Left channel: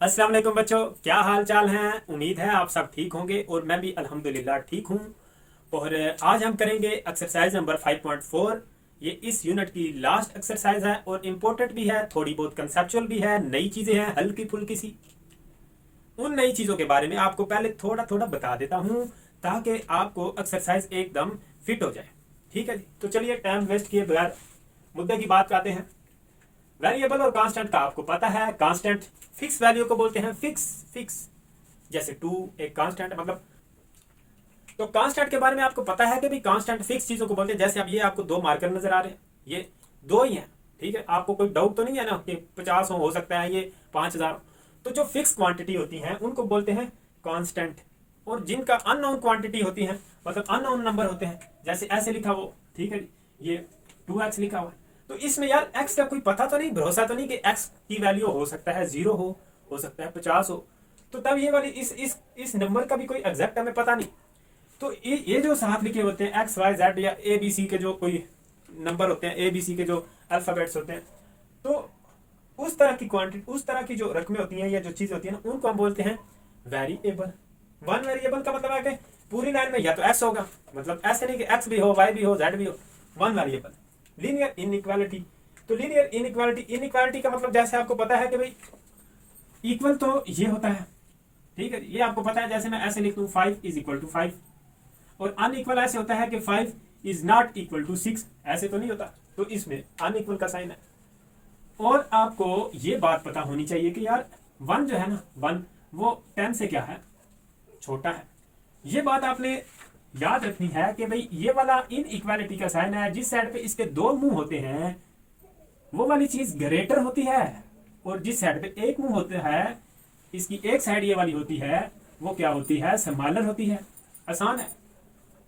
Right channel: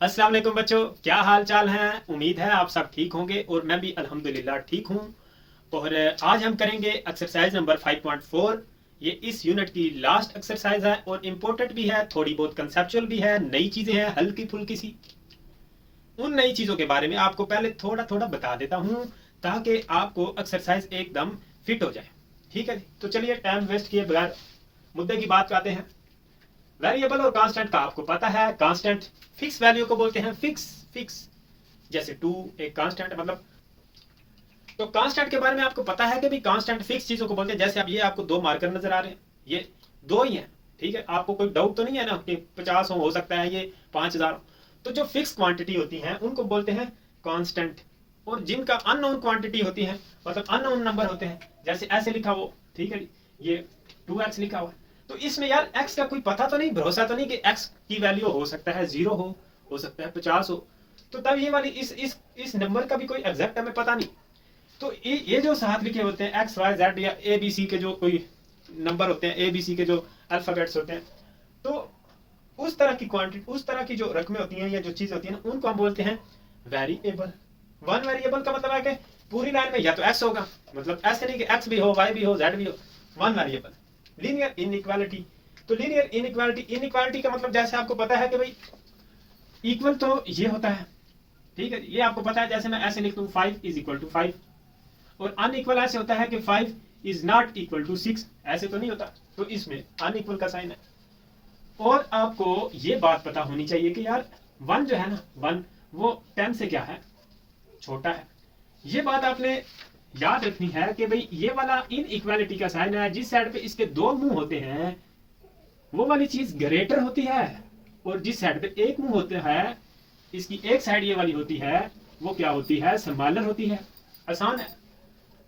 अस्सलाम वालेकुम बच्चों, क्या हाल चाल हैं। उम्मीद है आप सब ठीक होंगे और मैं भी अल्हम्दुलिल्लाह ठीक हूँ। और आज हम करेंगे एक्सरसाइज नंबर 5.4। ये इस यूनिट की लास्ट एक्सरसाइज है और इम्पोर्टेंट भी है, थोड़ी बहुत कंसेप्चुअल भी है, नई चीज़ें हैं हल्की फुल्की सी। उन नई चीज़ों के बारे में आपको पहले थोड़ा थोड़ा बता देता हूँ ताकि आपको एक्सरसाइज एकदम फिट हो जाए। ठीक है जी, तो चलिए टाइम वेस्ट किए बगैर मुद्दे की बात करते हैं। वेरिएबल और कांस्टेंट का आपको पता है। कांस्टेंट फिक्स वैल्यू को बोलते हैं, फिक्स फिक्स। जैसे टू एक कांस्टेंट मतलब। तो कांस्टेंट के बारे में आपको पता है कि भी कांस्टेंट फिक्स चीजों को बोलते हैं। जैसे अब ये आपको दो मार्कर नजर आ रहे हैं, ये दो ही हैं। ठीक है, आपको कोई डाउट तो नहीं है ना कि 50 हो सकता है ये 5000। तो जो फिक्स क्वांटिटी होती हैं उनको बोलते हैं कांस्टेंट। और जिनका अननोन क्वांटिटी होती है, मतलब अननोन नंबर होते हैं, जैसे ऐसे लिखा हो, ठीक है, ये 2x लिखा हुआ है। तो इसमें यार x का कोई पता तो नहीं, भरोसा तो नहीं कि x की वैल्यू हो सकता है 0 हो सकता है 50 हो। तो तब ये वाली इस नंबर का भी कोई एग्जैक्ट हमें पता नहीं। तो ये जो साथ लिखे होते हैं एक्स वाई जेड या ए बी सी के जो कोई नंबर होते हैं, ए बी सी के जो अल्फ़ाबेट्स होते हैं, तो उस तरह की क्वांटिटी, उस तरह की जो रकमें होती हैं या जो चीज़ें होती हैं ना, उनको हम बोलते हैं वेरिएबल। वन वेरिएबल का मतलब है कि पूरी लाइन में या तो एक्स होगा, मतलब ऐसे नहीं कि एक्स भी हो, वाई भी हो, जेड भी हो। One variable. Linear inequality. तो लीनियर इनइक्वालिटी, इनइक्वालिटी का मतलब जैसे आपको पता है कि भाई इक्वल तो ये होता है, ठीक है, ये आपको पता है। जैसे मैं ऐसे लिख दूं 5 = 5, और अनइक्वल ऐसे होता है कि 5 ≠ 6, ऐसे तो नहीं होता। तो इसमें अनइक्वल का साइन है। और आपको ये बात पता होनी चाहिए कि यार वन जो है ना, वन वो 10 से क्या है, छोटा है। ये बात आपने याद रखनी है कि भाई ये वाला इन इक्वालिटी का साइन है, जिस साइड पे इसके दो मुंह होते हैं वो वाली चीज ग्रेटर होती है, और जिस साइड पे एक मुंह होता है, इसकी एक साइड ये वाली होती है, वो क्या होती है, स्मॉलर होती है। आसान है।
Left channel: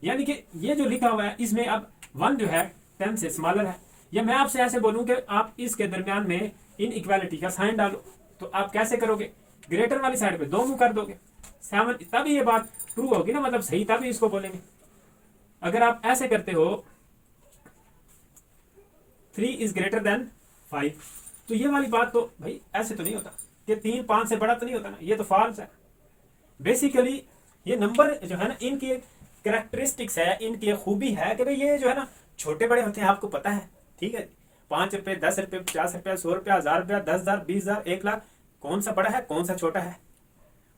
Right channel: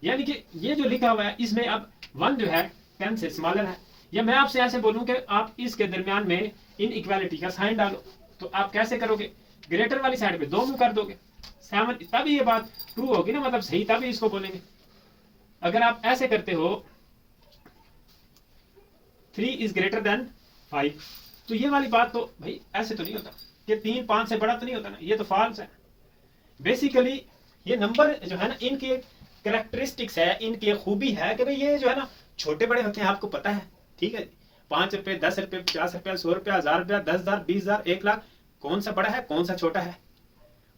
यानी कि ये जो लिखा हुआ है इसमें अब वन जो है 10 से स्मॉलर है। या मैं आपसे ऐसे बोलूं कि आप इसके दरमियान में इन इक्वालिटी का साइन डालो, तो आप कैसे करोगे, ग्रेटर वाली साइड पे दो मुंह कर दोगे, सेवन, तभी ये बात ट्रू होगी ना, मतलब सही, तभी इसको बोलेंगे। अगर आप ऐसे करते हो 3 > 5, तो ये वाली बात तो भाई ऐसे तो नहीं होता कि 3 5 से बड़ा तो नहीं होता ना, ये तो फॉल्स है। बेसिकली ये नंबर जो है ना, इनकी करेक्टरिस्टिक्स है, इनकी खूबी है कि भाई ये जो है ना छोटे बड़े होते हैं, आपको पता है। ठीक है, 5 रुपए, 10 रुपए, 50 रुपया, 100 रुपया, 1000 रुपया, 10,000, 20,000, 1 लाख, कौन सा बड़ा है कौन सा छोटा है,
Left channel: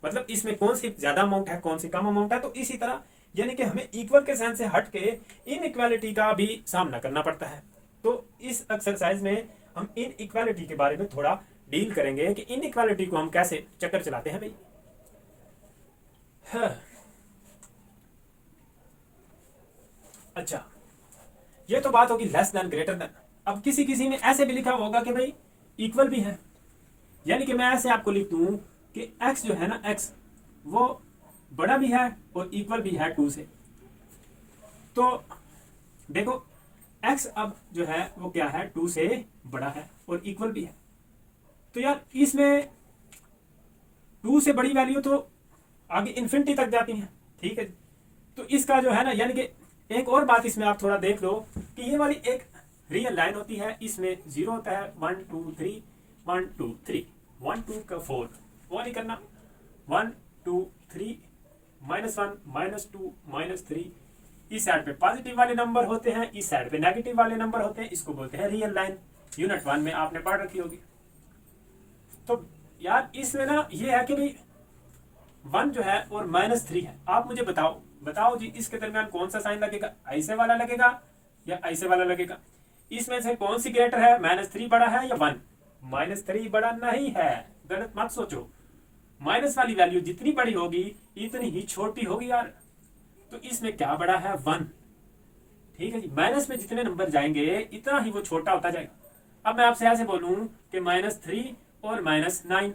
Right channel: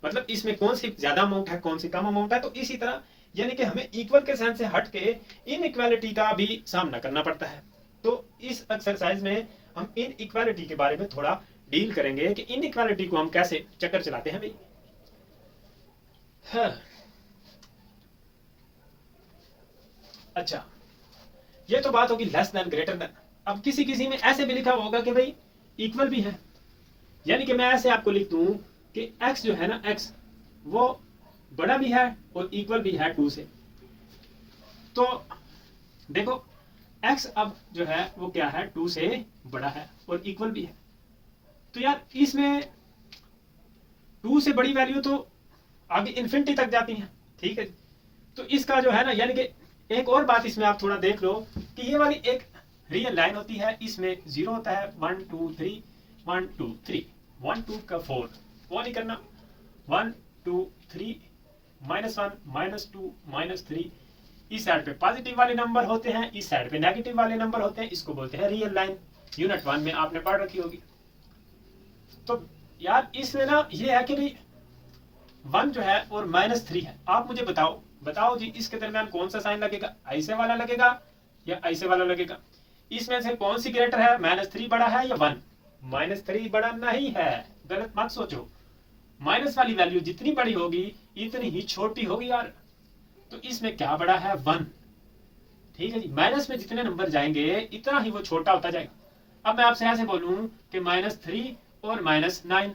मतलब इसमें कौन सी ज्यादा अमाउंट है कौन सी कम अमाउंट है। तो इसी तरह यानी कि हमें इक्वल के साइन से हट के इन इक्वालिटी का भी सामना करना पड़ता है। तो इस एक्सरसाइज में हम इन इक्वालिटी के बारे में थोड़ा डील करेंगे कि इन इक्वालिटी को हम कैसे चक्कर चलाते हैं भाई। हाँ। अच्छा, ये तो बात होगी लेस देन ग्रेटर देन। अब किसी किसी में ऐसे भी लिखा होगा कि भाई इक्वल भी है, यानी कि मैं ऐसे आपको लिख दूं कि x जो है ना, x वो बड़ा भी है और इक्वल भी है 2 से। तो देखो x अब जो है वो क्या है, 2 से बड़ा है और इक्वल भी है। तो यार इसमें 2 से बड़ी वैल्यू तो आगे इन्फिनिटी तक जाती है, ठीक है। तो इसका जो है ना, यानी कि एक और बात इसमें आप थोड़ा देख लो कि ये वाली एक रियल लाइन होती है, इसमें 0 होता है, 1 2 3, 1 2 3, 1 2 का 4, वो नहीं करना, 1 2 3, -1 -2 -3। इस साइड पे पॉजिटिव वाले नंबर होते हैं, इस साइड पे नेगेटिव वाले नंबर होते हैं, इसको बोलते हैं रियल लाइन। यूनिट 1 में आपने पढ़ रखी होगी। तो यार इसमें ना ये है कि भाई 1 जो है और -3 है। आप मुझे बताओ बताओ जी, इसके दरमियान कौन सा साइन लगेगा, ऐसे वाला लगेगा या ऐसे वाला लगेगा। इसमें से कौन सी ग्रेटर है, -3 बड़ा है या 1। -3 बड़ा नहीं है, गलत मत सोचो। माइनस वाली वैल्यू जितनी बड़ी होगी इतनी ही छोटी होगी यार। तो इसमें क्या बड़ा है, 1। ठीक है जी, माइनस में जितने नंबर जाएंगे इतना ही वो छोटा होता जाएगा। अब मैं आपसे ऐसे बोलूं कि -3 और -9,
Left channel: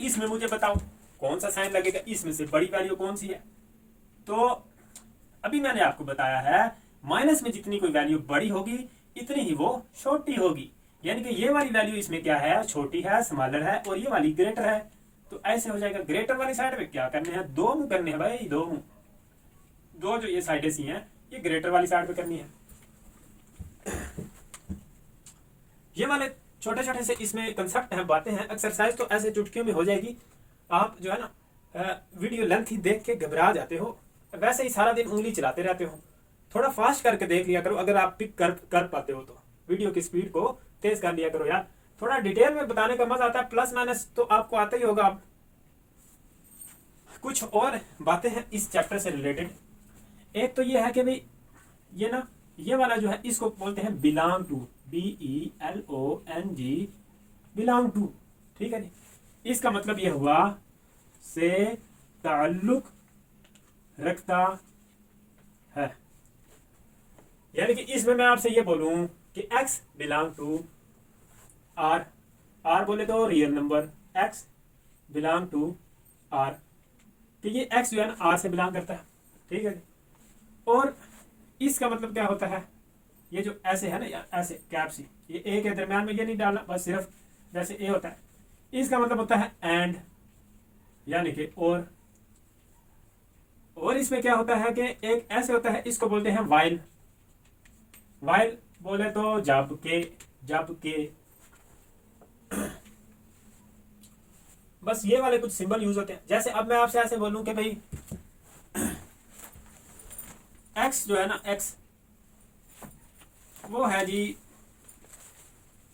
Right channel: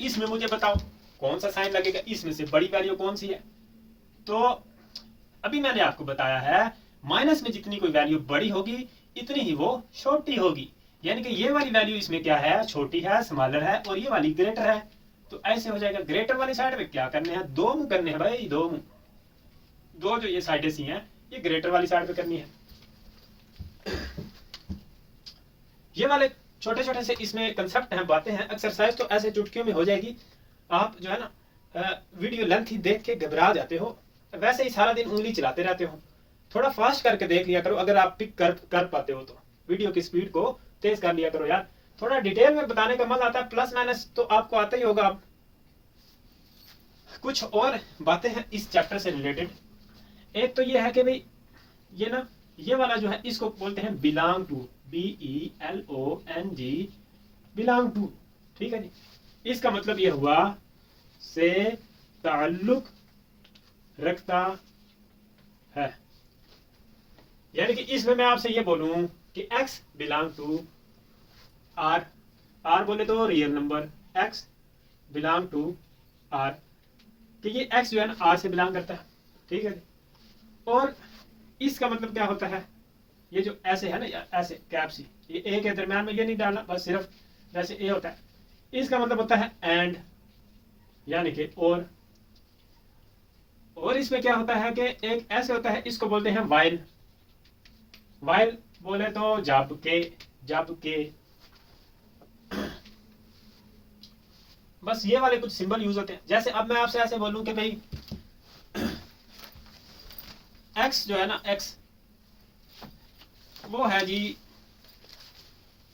इसमें मुझे बताओ कौन सा साइन लगेगा, इसमें से बड़ी वैल्यू कौन सी है। तो अभी मैंने आपको बताया है, माइनस में जितनी कोई वैल्यू बड़ी होगी इतनी ही वो छोटी होगी। यानी कि ये वाली वैल्यू इसमें क्या है, छोटी है, स्मॉलर है, और ये वाली ग्रेटर है। तो ऐसे हो जाएगा। ग्रेटर वाली साइड पे क्या करने हैं, दो मुंह करने हैं भाई, दो मुंह, दो जो ये साइडें सी हैं ये ग्रेटर वाली साइड पे करनी है। ये वाले छोटे छोटे से इसमें कंसेप्ट हैं, बातें हैं। एक्सरसाइज तो ऐसे चुटकियों में हो जाएगी, आप जो है ना वीडियो लेंथ ही देख के घबरा जाते हो, वैसे ही सारा दिन उंगली चलाते रहते हो। थोड़ा फास्ट करके देख लिया करो, अगर आप पिक कर पाते हो तो वीडियो की स्पीड को तेज कर लिया करो यार। थोड़ा डिटेल में बताने का मजा आता है, प्लस माइनस तो आपको आता ही होगा। आप कुछ और बातें हैं इस चैप्टर से रिलेटेड। एक तो ये है कि भाई ये ना, ये वाला जो है इसको बोलते हैं belong to, BELONG, belong to. ठीक है जी, इसका मतलब ये हुआ से ताल्लुक रखता है। यानी कि इसमें मैं आपसे ये बोलूं कि x belong to R, R बोले तो real number, x belong to R, कि ये x जो है ना R से बिलोंग करता है। ठीक है, और इसका मतलब क्या होता है, ये जो ऐसे है ना, ऐसे कैप सी, ये ए के दरम्यान में ये नहीं डालना, बस सिर्फ जैसे ए होता है, इसका मतलब होता है एंड, यानी कि और इसमें क्या होता है कि एक ऐसे होता है, इसको बोलते हैं वाइल। वाइल बोले तो जबकि बस ये वाले कुछ सिंबल यूज होते हैं। जैसे अब मैं आपसे ऐसे बोलूं कि भाई x जो है ना, x वो है जी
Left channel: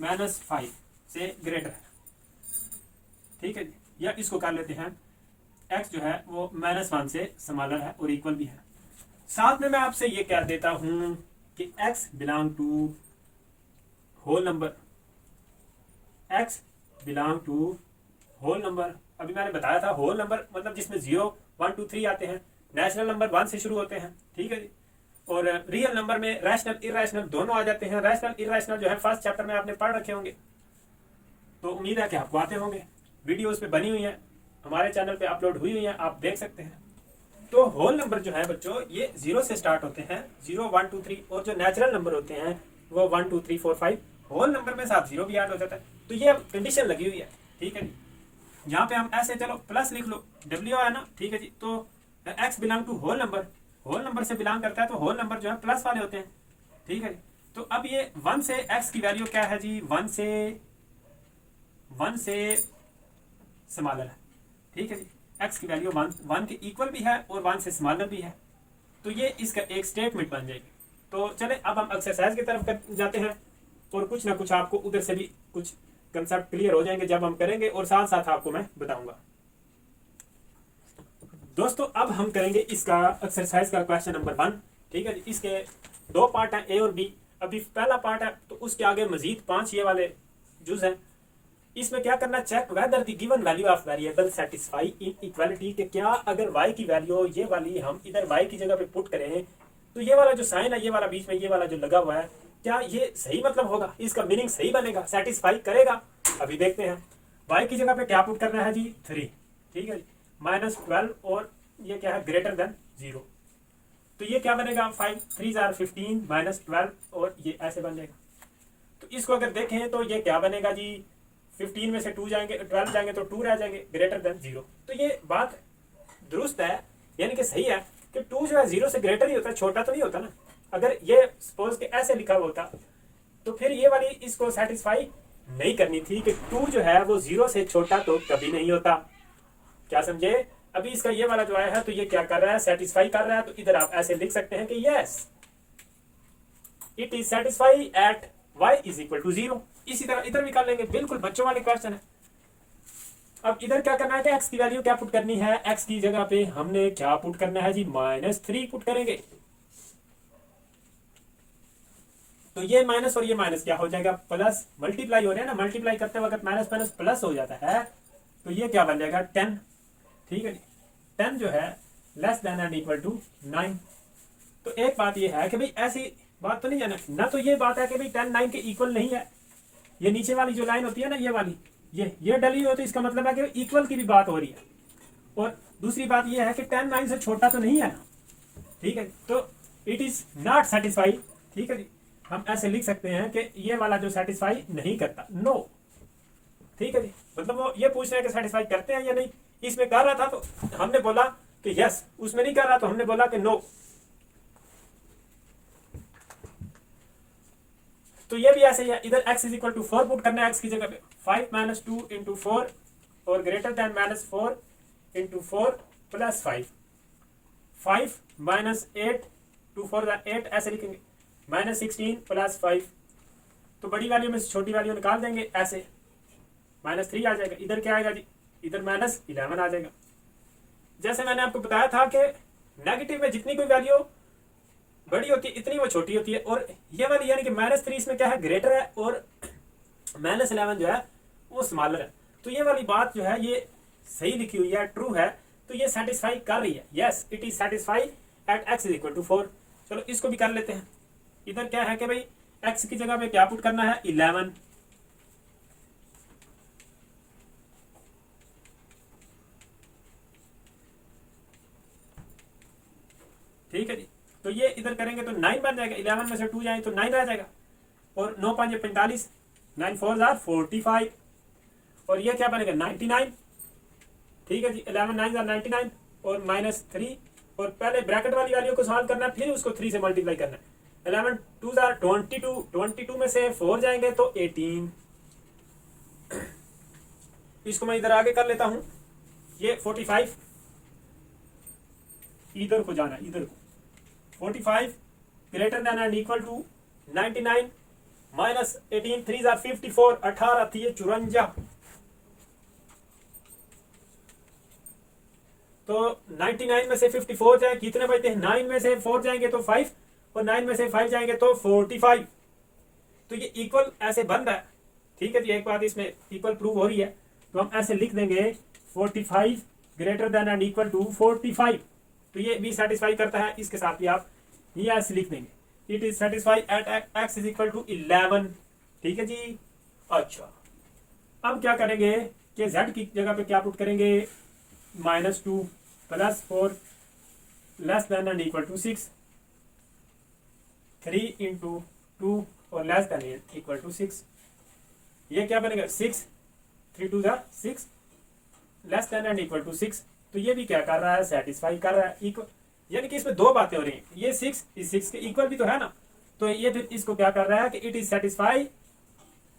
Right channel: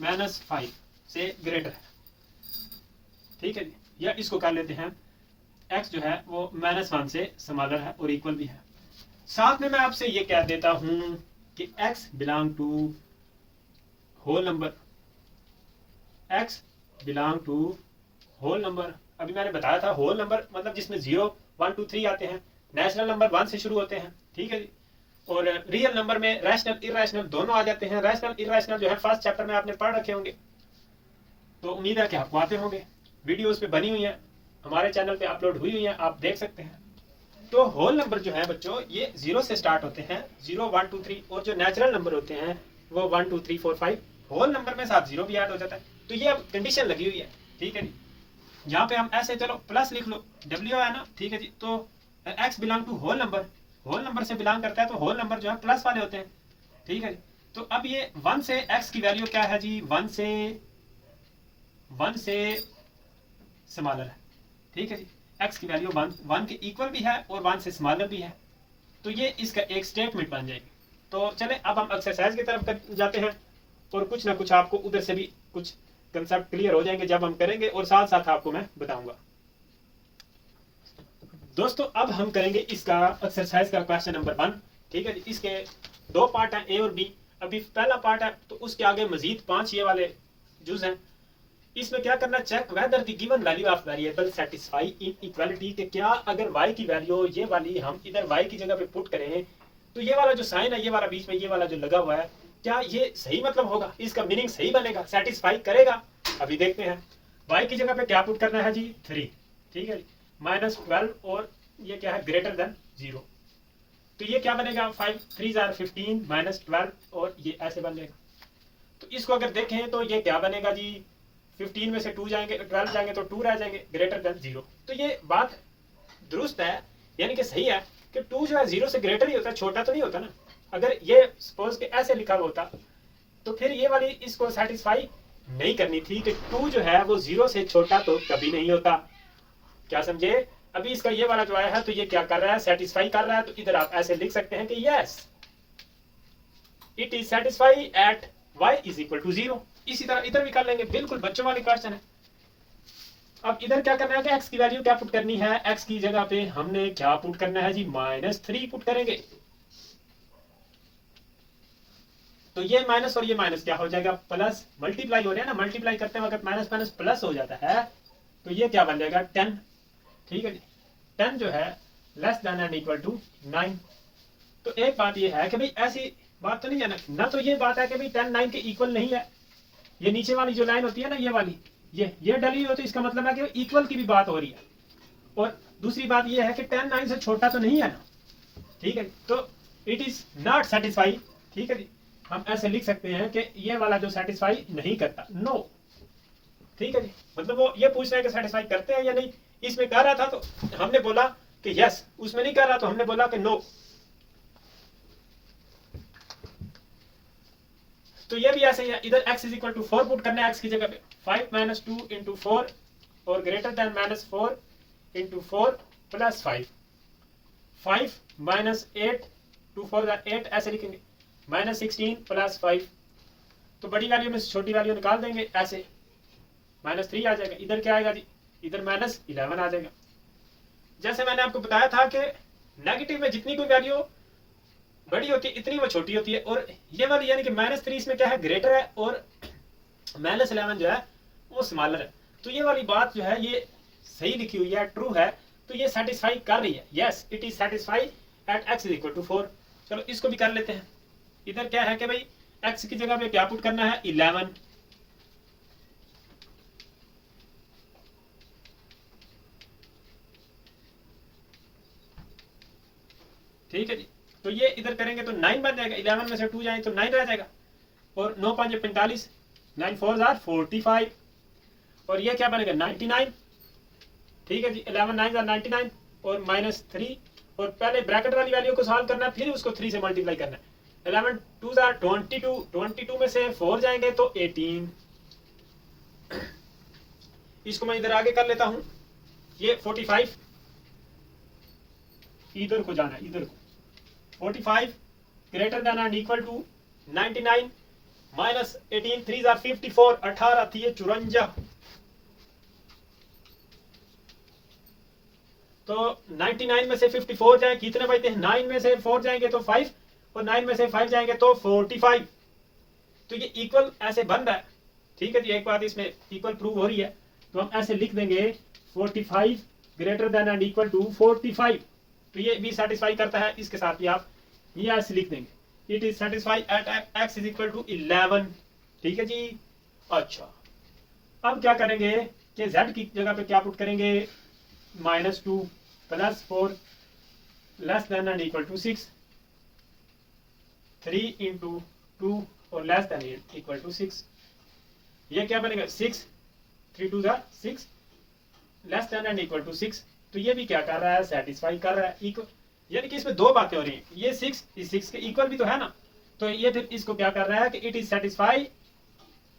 -5 से ग्रेटर है। ठीक है जी, या इसको कर लेते हैं x जो है वो -1 से स्मॉलर है और इक्वल भी है। साथ में मैं आपसे ये कह देता हूं कि x belong to whole number, x belong to whole number. अभी मैंने बताया था होल नंबर मतलब जिसमें 0, 1, 2, 3 आते हैं। नेचुरल नंबर 1 से शुरू होते हैं। ठीक है जी, और रियल नंबर में रैशनल इरैशनल दोनों आ जाते हैं। रैशनल इरैशनल जो है फर्स्ट चैप्टर में आपने पढ़ रखे होंगे, तो उम्मीद है कि आपको आते होंगे। वीडियोस पे बनी हुई है, हमारे चैनल पे अपलोड हुई है, आप देख सकते हैं। तो होल नंबर जो है बच्चों, ये 0 से स्टार्ट होते हैं, 0, 1, 2, 3, और जो नेचुरल नंबर होते हैं वो 1, 2, 3, 4, 5। होल नंबर में साथ 0 भी ऐड हो जाता है। तो ये अब कंडीशन लगी हुई है। ठीक है जी, यहाँ पे हम ऐसे चलो प्लस लिख लो, W है ना। ठीक है जी, तो x belong to whole number से बिलोंग करता है, तो होल नंबर जो है प्लस वाले होते हैं। ठीक है जी, तो अब ये 1 से x की वैल्यू क्या है जी, 1 से स्मॉलर है। ठीक है जी, x की वैल्यू 1 के इक्वल भी है और 1 से स्मॉलर भी है। तो ये इसका एक स्टेटमेंट बन जाएगी। तो चले अब हम एक्सरसाइज की तरफ जाते हैं, और कुछ ना कुछ आपको उधर से भी कुछ कंसेप्ट क्लियर हो जाएंगे जब हम करेंगे, और साथ साथ आपको मैं बताऊंगा। दोस्तों अब हम करेंगे इसका एक्सरसाइज का क्वेश्चन नंबर 1। ठीक है, इसके 2 पार्ट हैं, ए और बी। अभी पहला पार्ट है, तो उसके आगे मजीद 5 ये वाले जुज हैं। इसमें क्या करना, check whether the given value of variable satisfy inequality, के क्या अगर y की वैल्यू ये वाली हम इधर y की जगह पे पुट करें, तो ये वाला जो साइन है, ये वाला बीच में ये वाला जो लगा हुआ है, क्या ये सही मतलब होगा, इसका मीनिंग सही बनेगा, सेटिस्फाई करेगा। अभी देखते हैं। y की जगह पे क्या पुट करना है जी, 3। ठीक है, -12, और ये क्या है, ग्रेटर देन 0। तो ये क्या बनेगा, 5 3 are 15 -12, और ये ऐसे बन जाएगा। तो इसको अगर देखें तो ये क्या बनेगा जी, 15 में से 2 जाएंगे, 12 जाएंगे तो 2 रह जाएंगे, ग्रेटर देन 0। तो ये बात दुरुस्त है, यानी कि सही है कि 2 जो है 0 से ग्रेटर ही होता है, छोटा तो नहीं होता ना। अगर ये सपोज के ऐसे लिखा होता तो फिर ये वाली इसको सेटिस्फाई नहीं करनी थी कि 2 जो है वो 0 से छोटा तो कभी नहीं होता। क्या समझे? अभी इसका ये वाला जो आया है, तो ये क्या कर रहा है, सेटिस्फाई कर रहा है। तो इधर आप ऐसे लिख सकते हैं कि yes it is satisfy at y is equal to 0। इसी तरह इधर भी कर लेंगे, बिल्कुल बच्चों वाले क्वेश्चन है। अब इधर क्या करना है कि x की वैल्यू क्या पुट करनी है, x की जगह पे हमने क्या पुट करना है जी, -3 पुट करेंगे। तो ये माइनस और ये माइनस क्या हो जाएगा, प्लस, मल्टीप्लाई हो रहे हैं ना, मल्टीप्लाई करते वक्त माइनस माइनस प्लस हो जाता है। तो ये क्या बन जाएगा, 10। ठीक है जी, 10 जो है less than and equal to 9। तो एक बात ये है कि भाई ऐसी बात तो नहीं है ना, तो ये बात है कि भाई 10 9 के इक्वल नहीं है। ये नीचे वाली जो लाइन होती है ना, ये वाली, ये डली हो, तो इसका मतलब है कि इक्वल की भी बात हो रही है। और दूसरी बात ये है कि 10 9 से छोटा तो नहीं है ना। ठीक है, तो इट इज नॉट सेटिस्फाई। ठीक है जी, हम ऐसे लिख सकते हैं कि ये वाला जो सेटिस्फाई नहीं करता, नो। ठीक है जी, मतलब वो ये पूछ रहे हैं कि सेटिस्फाई करते हैं या नहीं। इसमें कह रहा था तो हमने बोला कि यस, उसमें नहीं कर रहा तो हमने बोला कि नो। तो ये भी ऐसे ही है, इधर x is equal to 4 put करना है x की जगह पे, 5 माइनस 2 इंटू 4 और greater than minus 4 into 4 plus 5, 5 minus 8 2 4 8 ऐसे लिखेंगे, माइनस 16 प्लस 5, तो बड़ी वैल्यू में से छोटी वैल्यू निकाल देंगे ऐसे, माइनस 3 आ जाएगा, इधर क्या आएगा जी, इधर माइनस 11 आ जाएगा। जैसे मैंने आपको बताया था कि नेगेटिव में जितनी कोई वैल्यू बड़ी होती है इतनी वो छोटी होती है, और ये वाली यानी कि माइनस 3 इसमें क्या है, ग्रेटर है, और माइनस 11 जो है वो स्मॉलर है। तो ये वाली बात जो है ये सही लिखी हुई है, ट्रू है, तो ये सेटिस्फाई कर रही है, yes it is satisfy at x is equal to 4। चलो इसको भी कर लेते हैं। इधर क्या है कि भाई x की जगह पे क्या पुट करना है, 11, ठीक है जी। तो ये इधर करेंगे तो 9 बन जाएगा, 11 में से 2 जाए तो 9 रह जाएगा, और 9 5 45, 9 4 जार 45, और ये क्या बनेगा 99, ठीक है जी। 11 9 जार 99 और माइनस 3, और पहले ब्रैकेट वाली वैल्यू को सॉल्व करना है, फिर उसको 3 से मल्टीप्लाई करना है। 11 2 जार 22, 22 में से 4 जाएंगे तो 18, इसको मैं इधर आगे कर लेता हूं, ये 45 इधर को जाना है, इधर को 45 greater than and equal to 99 minus 18, 3 जार 54, 18 थी ये 54, तो 99 में से 54 जाए कितने बचते हैं, 9 में से 4 जाएंगे तो 5, और 9 में से 5 जाएंगे तो 45, तो ये इक्वल ऐसे बन रहा है, ठीक है जी। एक बात इसमें इक्वल प्रूव हो रही है, तो हम ऐसे लिख देंगे 45 greater than and equal to 45, तो ये भी सेटिस्फाई करता है, इसके साथ भी आप ये ऐसे लिख देंगे, it is satisfy at x is equal to 11, ठीक है जी। अच्छा अब क्या करेंगे कि z की जगह पे क्या पुट करेंगे, -2 plus 4 less than and equal to 6, 3 into 2 और लेस देन इक्वल टू 6, ये क्या बनेगा 6, 3 2 6 less than and equal to 6, तो ये भी क्या कर रहा है, सेटिस्फाई कर रहा है, इक्वल, यानी कि इसमें दो बातें हो रही हैं, ये 6 इस 6 के इक्वल भी तो है ना, तो ये फिर इसको क्या कर रहा है कि it is satisfy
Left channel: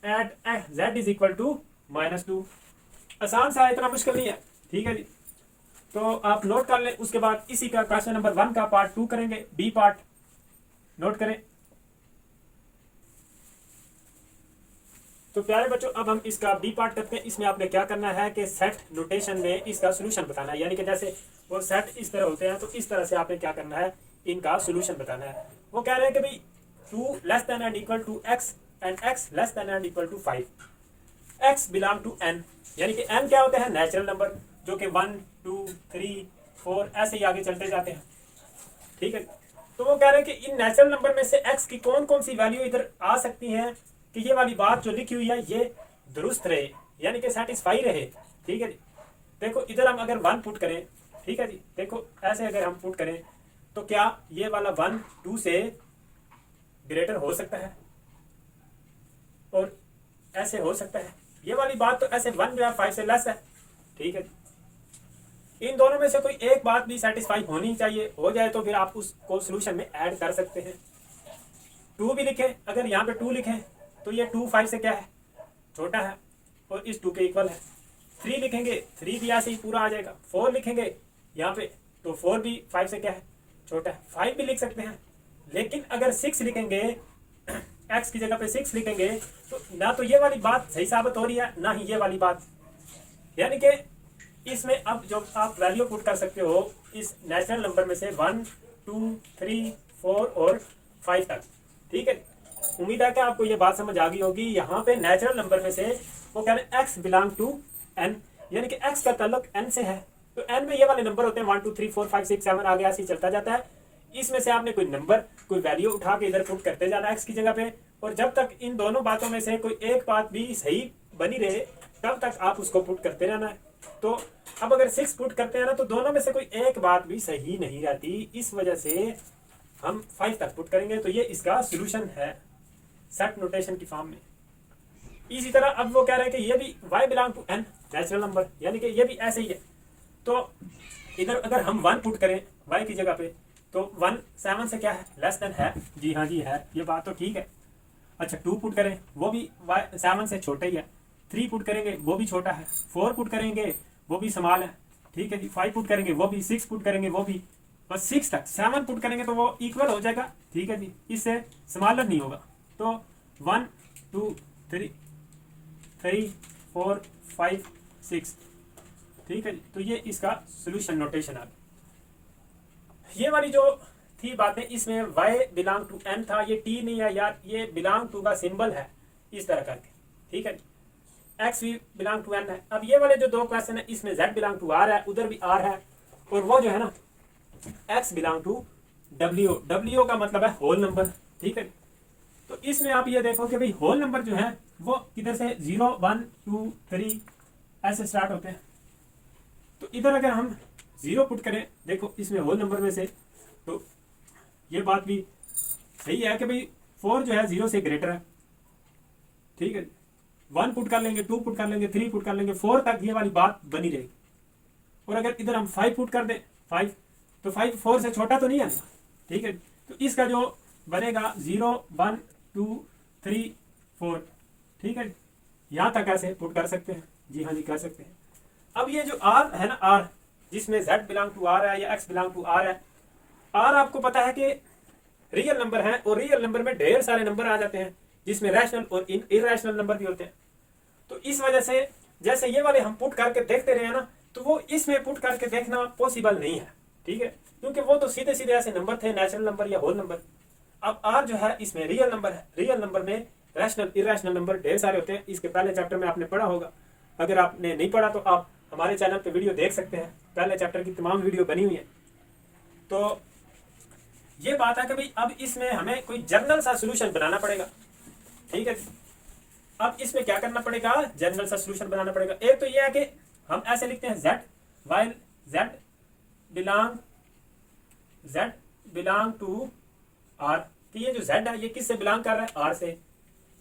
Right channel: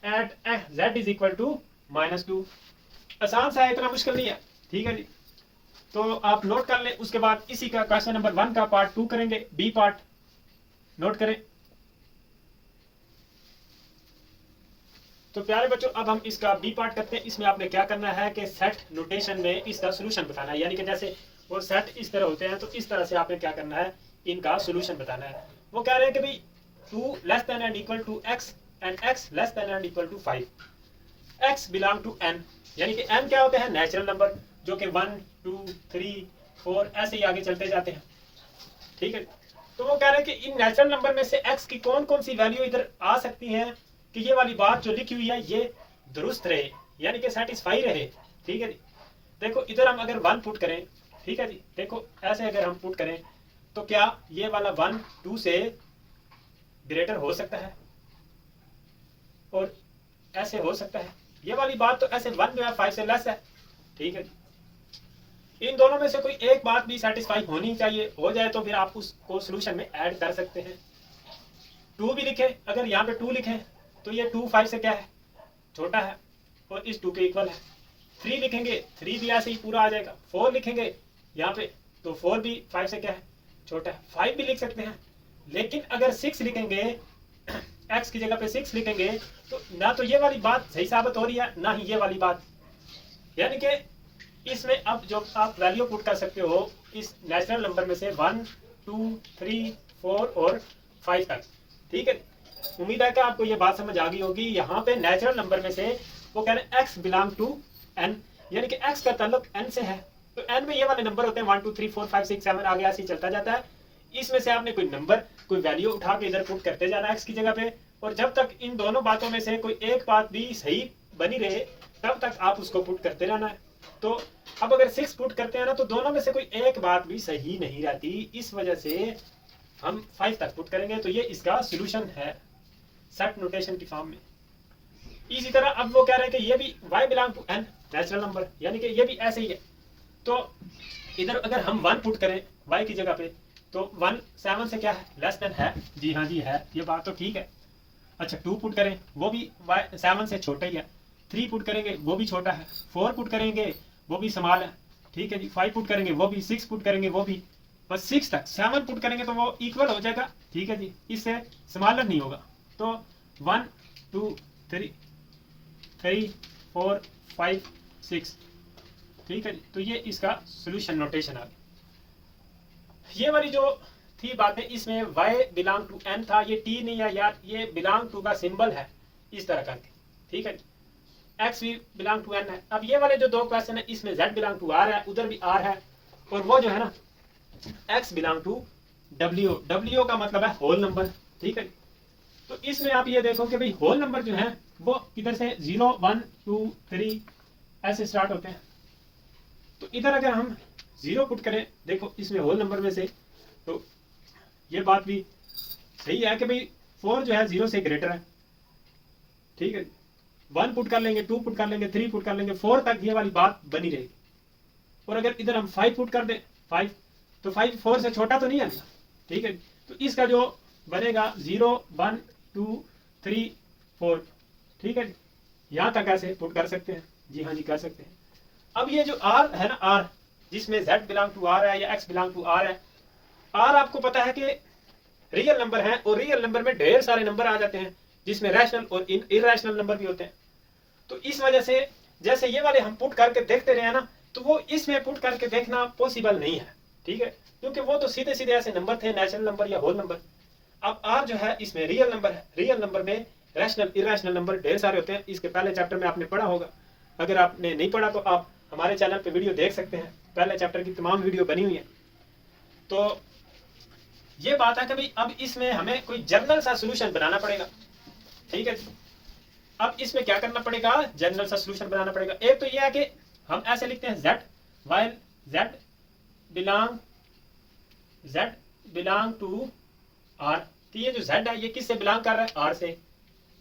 at z is equal to -2। आसान सा है, इतना मुश्किल नहीं है, ठीक है जी। तो आप नोट कर लें, उसके बाद इसी का क्वेश्चन नंबर 1 का पार्ट 2 करेंगे, बी पार्ट नोट करें। तो प्यारे बच्चों अब हम इसका बी पार्ट करते हैं। इसमें आपने क्या करना है कि सेट नोटेशन में इसका सोल्यूशन बताना है, यानी कि जैसे वो सेट इस तरह होते हैं तो इस तरह से आपने क्या करना है, इनका सोल्यूशन बताना है। वो कह रहे हैं कि भाई 2 less than and equal to x and x less than and equal to 5, x belong to n, यानी कि n क्या होते हैं, नेचुरल नंबर, जो कि 1 2 3 4 ऐसे ही आगे चलते जाते हैं, ठीक है। तो वो कह रहे हैं कि इन नेचुरल नंबर में से x की कौन कौन सी वैल्यू इधर आ सकती हैं कि ये वाली बात जो लिखी हुई है ये दुरुस्त रहे, यानी कि सेटिस्फाई रहे, ठीक है जी। देखो इधर हम अगर 1 पुट करें, ठीक है जी, देखो ऐसे अगर हम पुट करें तो क्या ये वाला 1 2 से ग्रेटर हो सकता है, और ऐसे हो सकता है, ये वाली बात तो ऐसे 1 जो है 5 से लेस है, ठीक है। इन दोनों में से कोई एक बात भी सेटिस्फाई होनी चाहिए, हो जाए तो फिर आप उसको सोल्यूशन में ऐड कर सकते हैं। 2 भी लिखें, अगर यहाँ पे 2 लिखें तो ये 2 5 से क्या है, छोटा है और इस 2 के इक्वल है। 3 लिखेंगे, 3 भी ऐसे ही पूरा आ जाएगा। 4 लिखेंगे यहाँ पे तो 4 भी 5 से क्या है, छोटा है। 5 भी लिख सकते हैं, लेकिन अगर 6 लिखेंगे, x की जगह पे 6 लिखेंगे तो ना तो ये वाली बात सही साबित हो रही है, ना ही ये वाली बात, यानी कि इसमें अब जो आप वैल्यू पुट कर सकते हो इस नेचुरल नंबर में से 1 2 3 4 और 5 तक, ठीक है। उम्मीद है कि आपको ये बात समझ आ गई होगी। यहाँ पे नेचुरल नंबर में से वो कह रहे हैं x बिलोंग टू n, यानी कि x का ताल्लुक n से है, तो n में ये वाले नंबर होते हैं 1 2 3 4 5 6 7 आगे ऐसे ही चलता जाता है। इसमें से आपने कोई नंबर कोई वैल्यू उठा के इधर पुट करते जाना x की जगह पे, और जब तक इन दोनों बातों में से कोई एक बात भी सही बनी रहे तब तक आप उसको पुट करते रहना है। तो अब अगर 6 पुट करते हैं ना तो दोनों में से कोई एक बात भी सही नहीं रहती, इस वजह से हम 5 तक पुट करेंगे। तो ये इसका सोल्यूशन है सेट नोटेशन की फॉर्म में। इसी तरह अब वो कह रहे हैं कि ये भी y belong to n natural number, यानी कि ये भी ऐसे ही है। तो इधर अगर हम 1 पुट करें y की जगह पे तो 1 7 से क्या है, लेस देन है, जी हाँ जी है, ये बात तो ठीक है। अच्छा 2 पुट करें वो भी 7 से छोटा ही है, 3 पुट करेंगे वो भी छोटा है, 4 पुट करेंगे वो भी स्मॉल है, ठीक है जी, 5 पुट करेंगे वो भी, 6 पुट करेंगे वो भी, बस 6 तक, 7 पुट करेंगे तो वो इक्वल हो जाएगा, ठीक है जी, इससे स्मॉलर नहीं होगा। तो 1 2 3 3 4 5 6, ठीक है जी। तो ये इसका सोल्यूशन नोटेशन आ गया। ये वाली जो थी बातें, इसमें y बिलोंग टू n था, ये t नहीं है यार, ये बिलोंग टू का सिंबल है इस तरह करके, ठीक है, x भी बिलोंग टू n है। अब ये वाले जो 2 क्वेश्चन है इसमें z बिलोंग टू r है, उधर भी r है, और वो जो है ना x belong to w, w का मतलब है होल नंबर, ठीक है। तो इसमें आप ये देखो कि भाई होल नंबर जो है वो किधर से 0 1 2 3 ऐसे स्टार्ट होते हैं। तो इधर अगर हम 0 पुट करें, देखो इसमें होल नंबर में से, तो ये बात भी सही है कि भाई 4 जो है 0 से ग्रेटर है, ठीक है। 1 पुट कर लेंगे, 2 पुट कर लेंगे, 3 पुट कर लेंगे, 4 तक ये वाली बात बनी रहेगी। और अगर इधर हम 5 पुट कर दें, 5, तो 5 4 से छोटा तो नहीं है, ठीक है। तो इसका जो बनेगा 0 1 2 3 4, ठीक है, यहाँ तक ऐसे पुट कर सकते हैं, जी हाँ जी कर सकते हैं। अब ये जो r है ना, r जिसमें z बिलोंग टू r है या x बिलोंग टू r है, r आपको पता है कि रियल नंबर है, और रियल नंबर में ढेर सारे नंबर आ जाते हैं जिसमें रैशनल और इरेशनल नंबर भी होते हैं। तो इस वजह से जैसे ये वाले हम पुट करके देखते रहे हैं ना, तो वो इसमें पुट करके देखना पॉसिबल नहीं है, ठीक है, क्योंकि वो तो सीधे सीधे ऐसे नंबर थे, नेचुरल नंबर या होल नंबर। अब r जो है इसमें रियल नंबर है, रियल नंबर में रैशनल इरेशनल नंबर ढेर सारे होते हैं, इसके पहले चैप्टर में आपने पढ़ा होगा। अगर आपने नहीं पढ़ा तो आप हमारे चैनल पे वीडियो देख सकते हैं, पहले चैप्टर की तमाम वीडियो बनी हुई है। तो ये बात है कि भाई अब इसमें हमें कोई जनरल सा सोल्यूशन बनाना पड़ेगा, ठीक है। अब इसमें क्या करना पड़ेगा, जनरल सा सोल्यूशन बनाना पड़ेगा। एक तो ये है कि हम ऐसे लिखते हैं z while z belong to r, कि ये जो z है ये किससे बिलोंग कर रहा है, r से।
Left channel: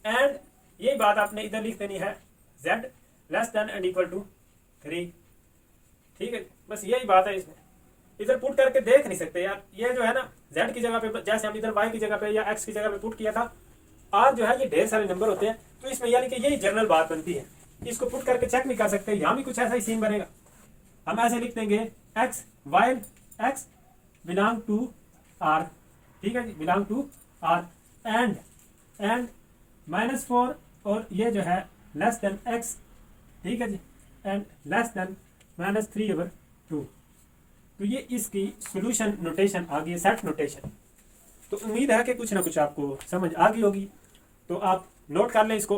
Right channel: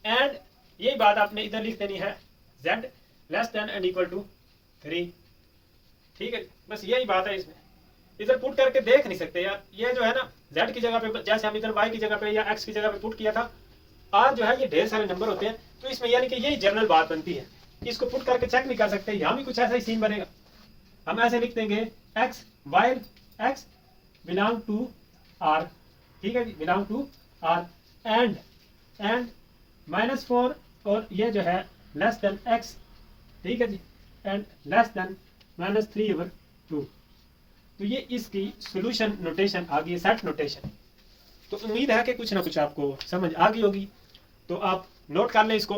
एंड यही बात आपने इधर लिख देनी है, z less than and equal to 3, ठीक है, बस यही बात है। इसमें इधर पुट करके देख नहीं सकते यार, ये जो है ना z की जगह पे, जैसे हम इधर y की जगह पे या x की जगह पे पुट किया था, r जो है ये ढेर सारे नंबर होते हैं, तो इसमें यानी कि यही जनरल बात बनती है, इसको पुट करके चेक नहीं कर सकते। यहाँ भी कुछ ऐसा ही सीन बनेगा, हम ऐसे लिख देंगे x while x belong to r, ठीक है जी, बिलोंग टू r, एंड -4 और ये जो है लेस देन x, ठीक है जी, एंड लेस देन -3/2। तो ये इसकी सॉल्यूशन नोटेशन आ गई, सेट नोटेशन। तो उम्मीद है कि कुछ ना कुछ आपको समझ आ गई होगी, तो आप नोट कर लें इसको।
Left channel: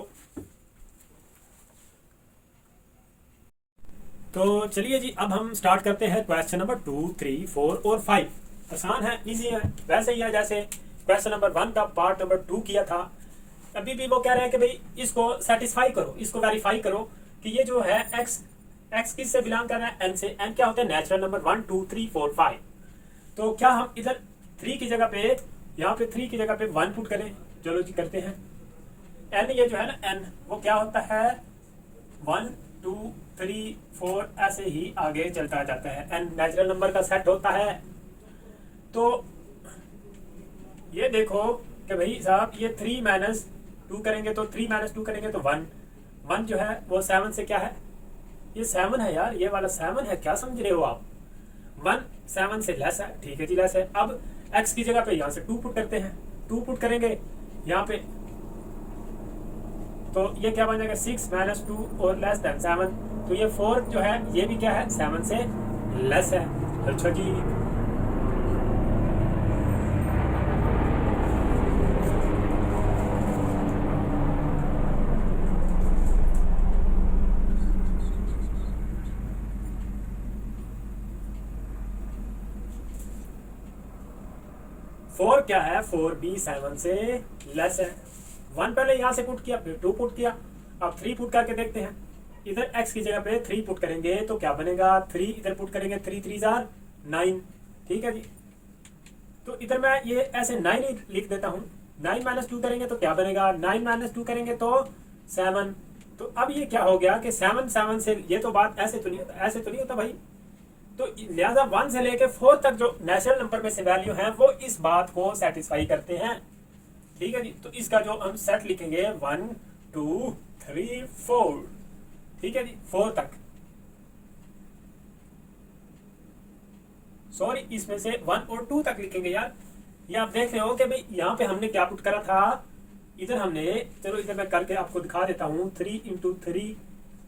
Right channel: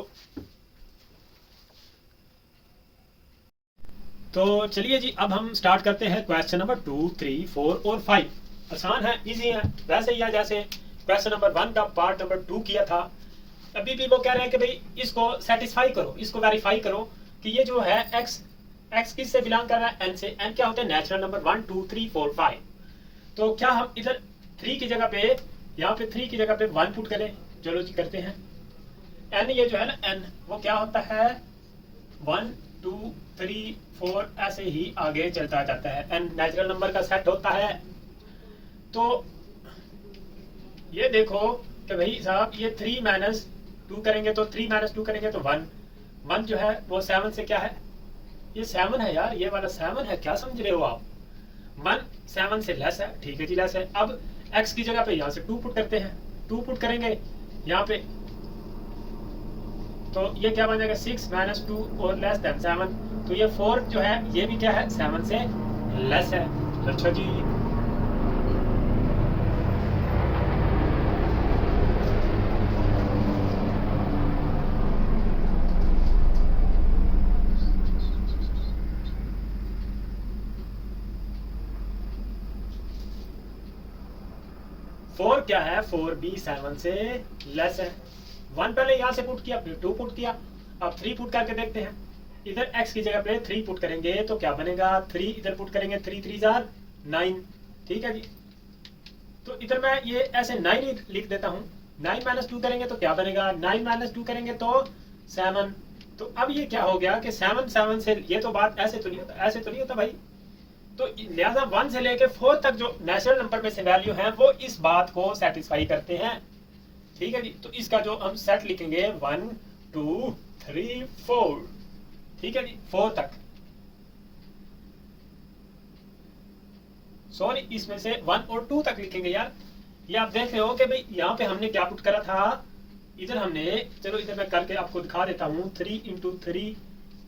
तो चलिए जी, अब हम स्टार्ट करते हैं क्वेश्चन नंबर 2 3 4 और 5। आसान है, इजी है, वैसे ही है जैसे क्वेश्चन नंबर 1 का पार्ट नंबर 2 किया था। अभी भी वो कह रहे हैं कि भाई इसको सेटिस्फाई करो, इसको वेरीफाई करो कि ये जो है x किस से बिलोंग कर रहा है, n से। n क्या होता है, नेचुरल नंबर 1 2 3 4 5। तो क्या हम इधर 3 की जगह पे, यहाँ पे 3 की जगह पे 1 पुट करें, चलो जी करते हैं। n ये जो है ना n, वो क्या होता है 1 2 3 4 ऐसे ही आगे चलता जाता है, n नेचुरल नंबर का सेट होता है। तो ये देखो कि भाई साहब ये 3 - 2 करेंगे तो 3 - 2 करेंगे तो 1 जो है वो 7 से क्या है, ये 7 है यार, ये वाला 7 है, क्या समझ रहे हो आप। 1 7 से लेस है, ठीक है जी, लेस है। अब x की जगह पे यहाँ से 2 पुट करते हैं, 2 पुट करेंगे यहाँ पे, तो ये क्या बन जाएगा 6 - 2 और लेस देन 7। तो ये 4 जो है ये भी क्या है, 7 से लेस है। अच्छा जी, फोर क्या है, 4 भी 7 से लेस है। 1 पहले यहाँ से पुट किया, फिर 2 पुट किया, अब 3 पुट करके देखते हैं। इधर x की जगह पे 3 पुट करेंगे तो क्या बनेगा, 3 इधर पुट करेंगे, 3 3 जार 9, ठीक है जी। तो इधर मैं ये ऐसे 9 ही लिख देता हूँ। 9 - 2 करेंगे तो क्या बनेगा, 9 - 2 करेंगे तो 7। तो अब ये क्या हो गया कि 7 7 से, ये तो बात ऐसे तो नहीं होता, ऐसे तो नहीं होता भाई। तो लिहाजा 1 से लेके 4 तक जो नेचुरल नंबर में से वैल्यू है वो इस बात को सेटिस्फाई करते हैं। ठीक है जी। तो इसका जो हम सेट लिखेंगे 1 2 3 4, ठीक है जी, 4 तक, सॉरी इसमें से 1 और 2 तक लिखेंगे यार। ये आप देख रहे हो कि भाई यहाँ पे हमने क्या पुट करा था, इधर हमने, चलो इधर मैं करके आपको दिखा देता हूँ, 3 × 3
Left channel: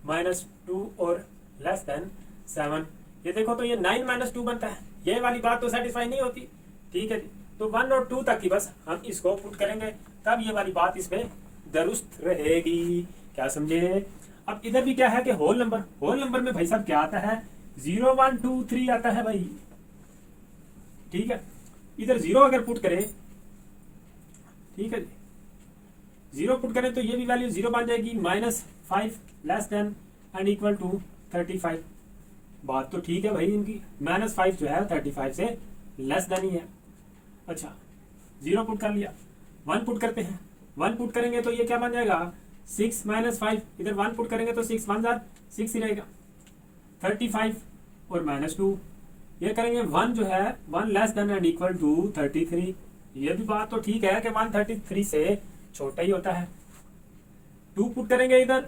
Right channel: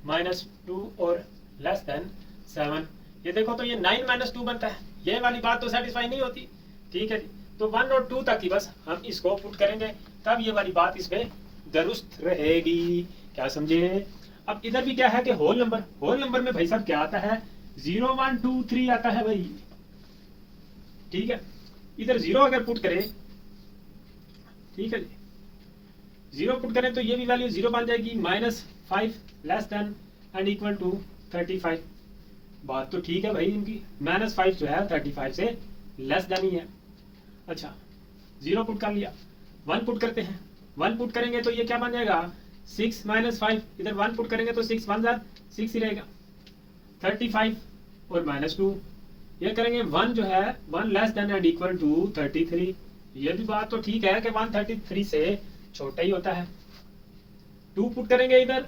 -2 और लेस देन 7। ये देखो तो ये 9 -2 बनता है। ये वाली बात तो सेटिस्फाई नहीं होती, ठीक है जी। तो 1 और 2 तक ही बस हम इसको पुट करेंगे, तब ये वाली बात इसमें दुरुस्त रहेगी। क्या समझे? अब इधर भी क्या है कि होल नंबर में भाई साहब क्या आता है, 0 1 2 3 आता है भाई, ठीक है। इधर 0 अगर पुट करें, ठीक है जी, 0 पुट करें तो ये भी वैल्यू 0 बन जाएगी, -5 less than and equal to 35। बात तो ठीक है भाई इनकी, -5 जो है 35 से लेस देन ही है। अच्छा 0 पुट कर लिया, 1 पुट करते हैं, 1 पुट करेंगे तो ये क्या बन जाएगा, 6 -5, इधर 1 पुट करेंगे तो 6 1 6 ही रहेगा, 35 और -2 ये करेंगे, 1 जो है 1 less than and equal to 33। ये भी बात तो ठीक है कि 133 से छोटा ही होता है। 2 पुट करेंगे इधर,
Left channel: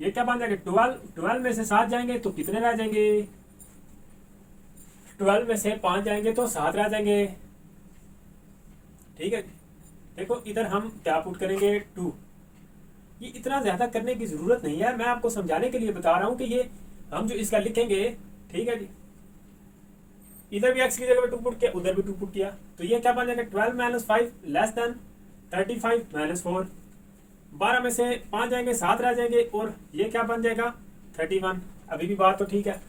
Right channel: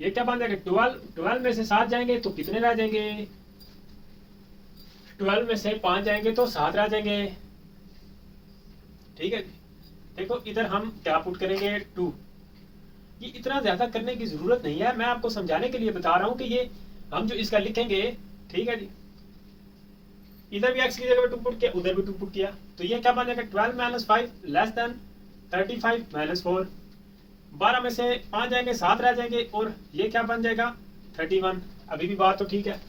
ये क्या बन जाएगा, 12 में से 7 जाएंगे तो कितने रह जाएंगे, 12 में से 5 जाएंगे तो 7 रह जाएंगे, ठीक है। देखो इधर हम क्या पुट करेंगे, 2। ये इतना ज्यादा करने की जरूरत नहीं है, मैं आपको समझाने के लिए बता रहा हूं कि ये हम जो इसका लिखेंगे, ठीक है जी, इधर भी x की जगह पे 2 पुट किया, उधर भी 2 पुट किया, तो ये क्या बन जाएगा, 12 - 5 लेस देन 35 -4। 12 में से 5 जाएंगे 7 रह जाएंगे, और ये क्या बन जाएगा, 31। अभी भी बात तो ठीक है।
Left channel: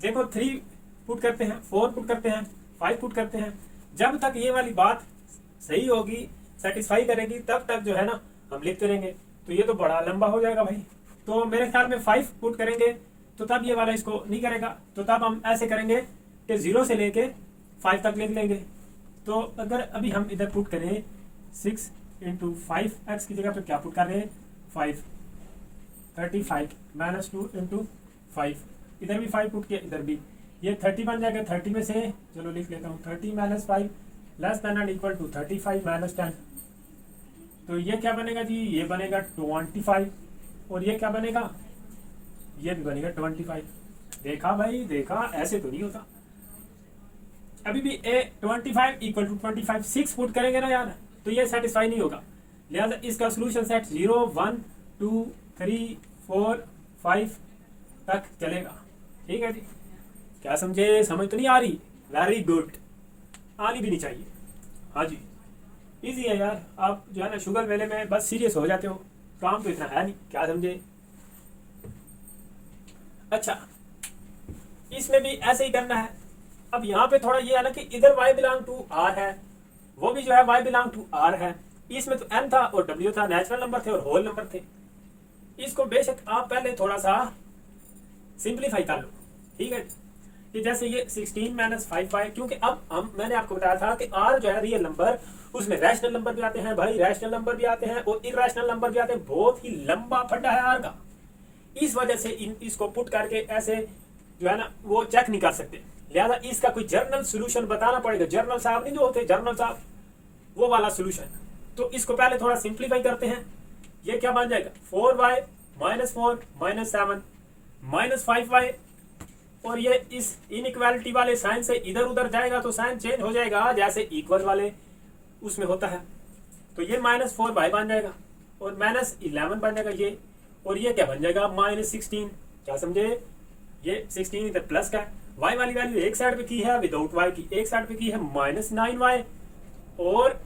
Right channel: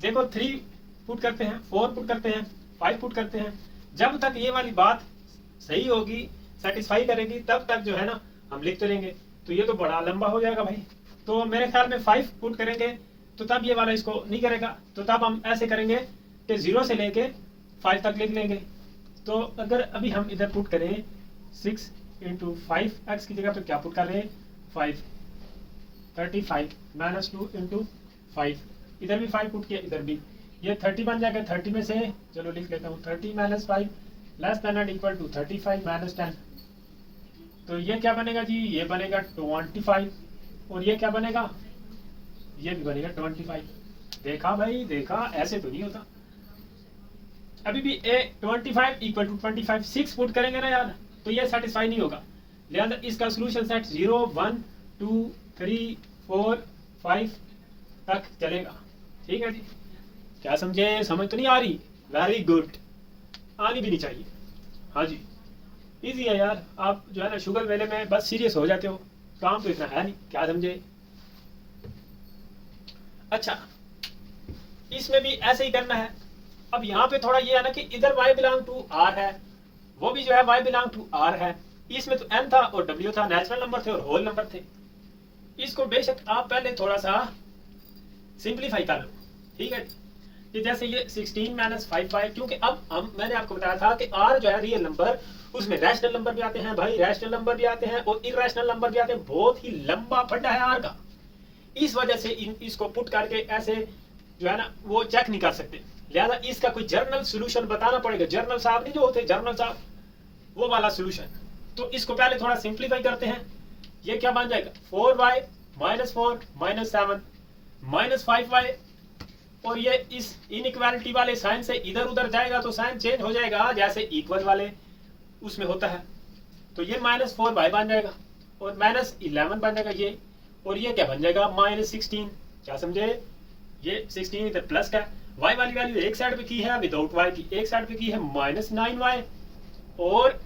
देखो 3 पुट करते हैं, 4 पुट करते हैं, 5 पुट करते हैं, जब तक ये वाली बात सही होगी, सेटिस्फाई करेगी, तब तक जो है ना हम लिखते रहेंगे। तो ये तो बड़ा लंबा हो जाएगा भाई, तो मेरे ख्याल में 5 पुट करेंगे तो तब ये वाला इसको नहीं करेगा, तो तब हम ऐसे करेंगे कि 0 से लेके 5 तक लिख लेंगे। तो अगर अभी हम इधर पुट करें 6 × 5, x की जगह पे क्या पुट कर रहे हैं, 5, 35 -2 × 5, इधर भी 5 पुट किया, इधर भी, ये 30 बन जाएगा। 30 में से चलो लिख लेता हूँ, 30 - 5 less than and equal to 35 - 10। तो ये क्या बनेगा जी, ये बनेगा 25, और ये क्या बनेगा, ये भी बनेगा 25। देखा भाई, देखा, ऐसे तो नहीं होता। अभी भी 25 = 25, 6 पुट करेंगे ना यार, तो ये सेटिस्फाई नहीं होगा, लिहाजा इसका सोल्यूशन सेट 0 1 2 3 4 5 तक चलेगा, ठीक है जी। क्या समझे? समझ तो नहीं आ रही? वेरी गुड, आनी भी नहीं चाहिए। हाँ जी, इजी है यार, आप जो है ना शुगर मेले में बस सीरियस हो जाते हो, काम तो इतना है नहीं। क्या समझे? अच्छा, इसमें भी ऐसे ही करना है। अब यहाँ पे थोड़ा ये है ना कि इधर y बिलोंग टू r है, वो भी जो है y बिलोंग टू r है। इसमें तो n था और w था, नेचुरल नंबर थे और होल नंबर थे। इसको बेशक आप पहले थोड़ा सा सिंप्लीफाई कर लो, ठीक है। कि जैसे ये 16 - 5y, क्योंकि अब मैंने आपको बताया था कि r जो है रियल नंबर, उसमें रैशनल नंबर भी आते हैं भाई, रैशनल नंबर भी आते हैं और इरैशनल नंबर भी आते हैं। बहुत ही लंबा फड्डा है r का, इस वजह से इसको पुट करके ऐसे जो है ना वो चेक नहीं कर सकते, लिहाजा इसका कोई जर्नल सोल्यूशन बताना पड़ेगा। जर्नल साहब नहीं जो होते, जर्नल साहब, वो वाला सोल्यूशन। तो इसको पहले थोड़ा सिंप्लीफाई करते हैं। ये क्या बन जाएगा, 4y -4 -7 -5y, और ये इस इनइक्वालिटी वाले साइन से इधर उधर जाएगा तो साइन चेंज हो जाएगा, जैसे इक्वल वाले उसमें होता है। तो ये -4y बन जाएगा और -11 बन जाएगा ये, और ये क्या बन जाएगा, -16। क्या समझे? ये 16 इधर प्लस का, y वाली वैल्यू एक साइड पे की है विदाउट y की, एक साइड पे की है -9y और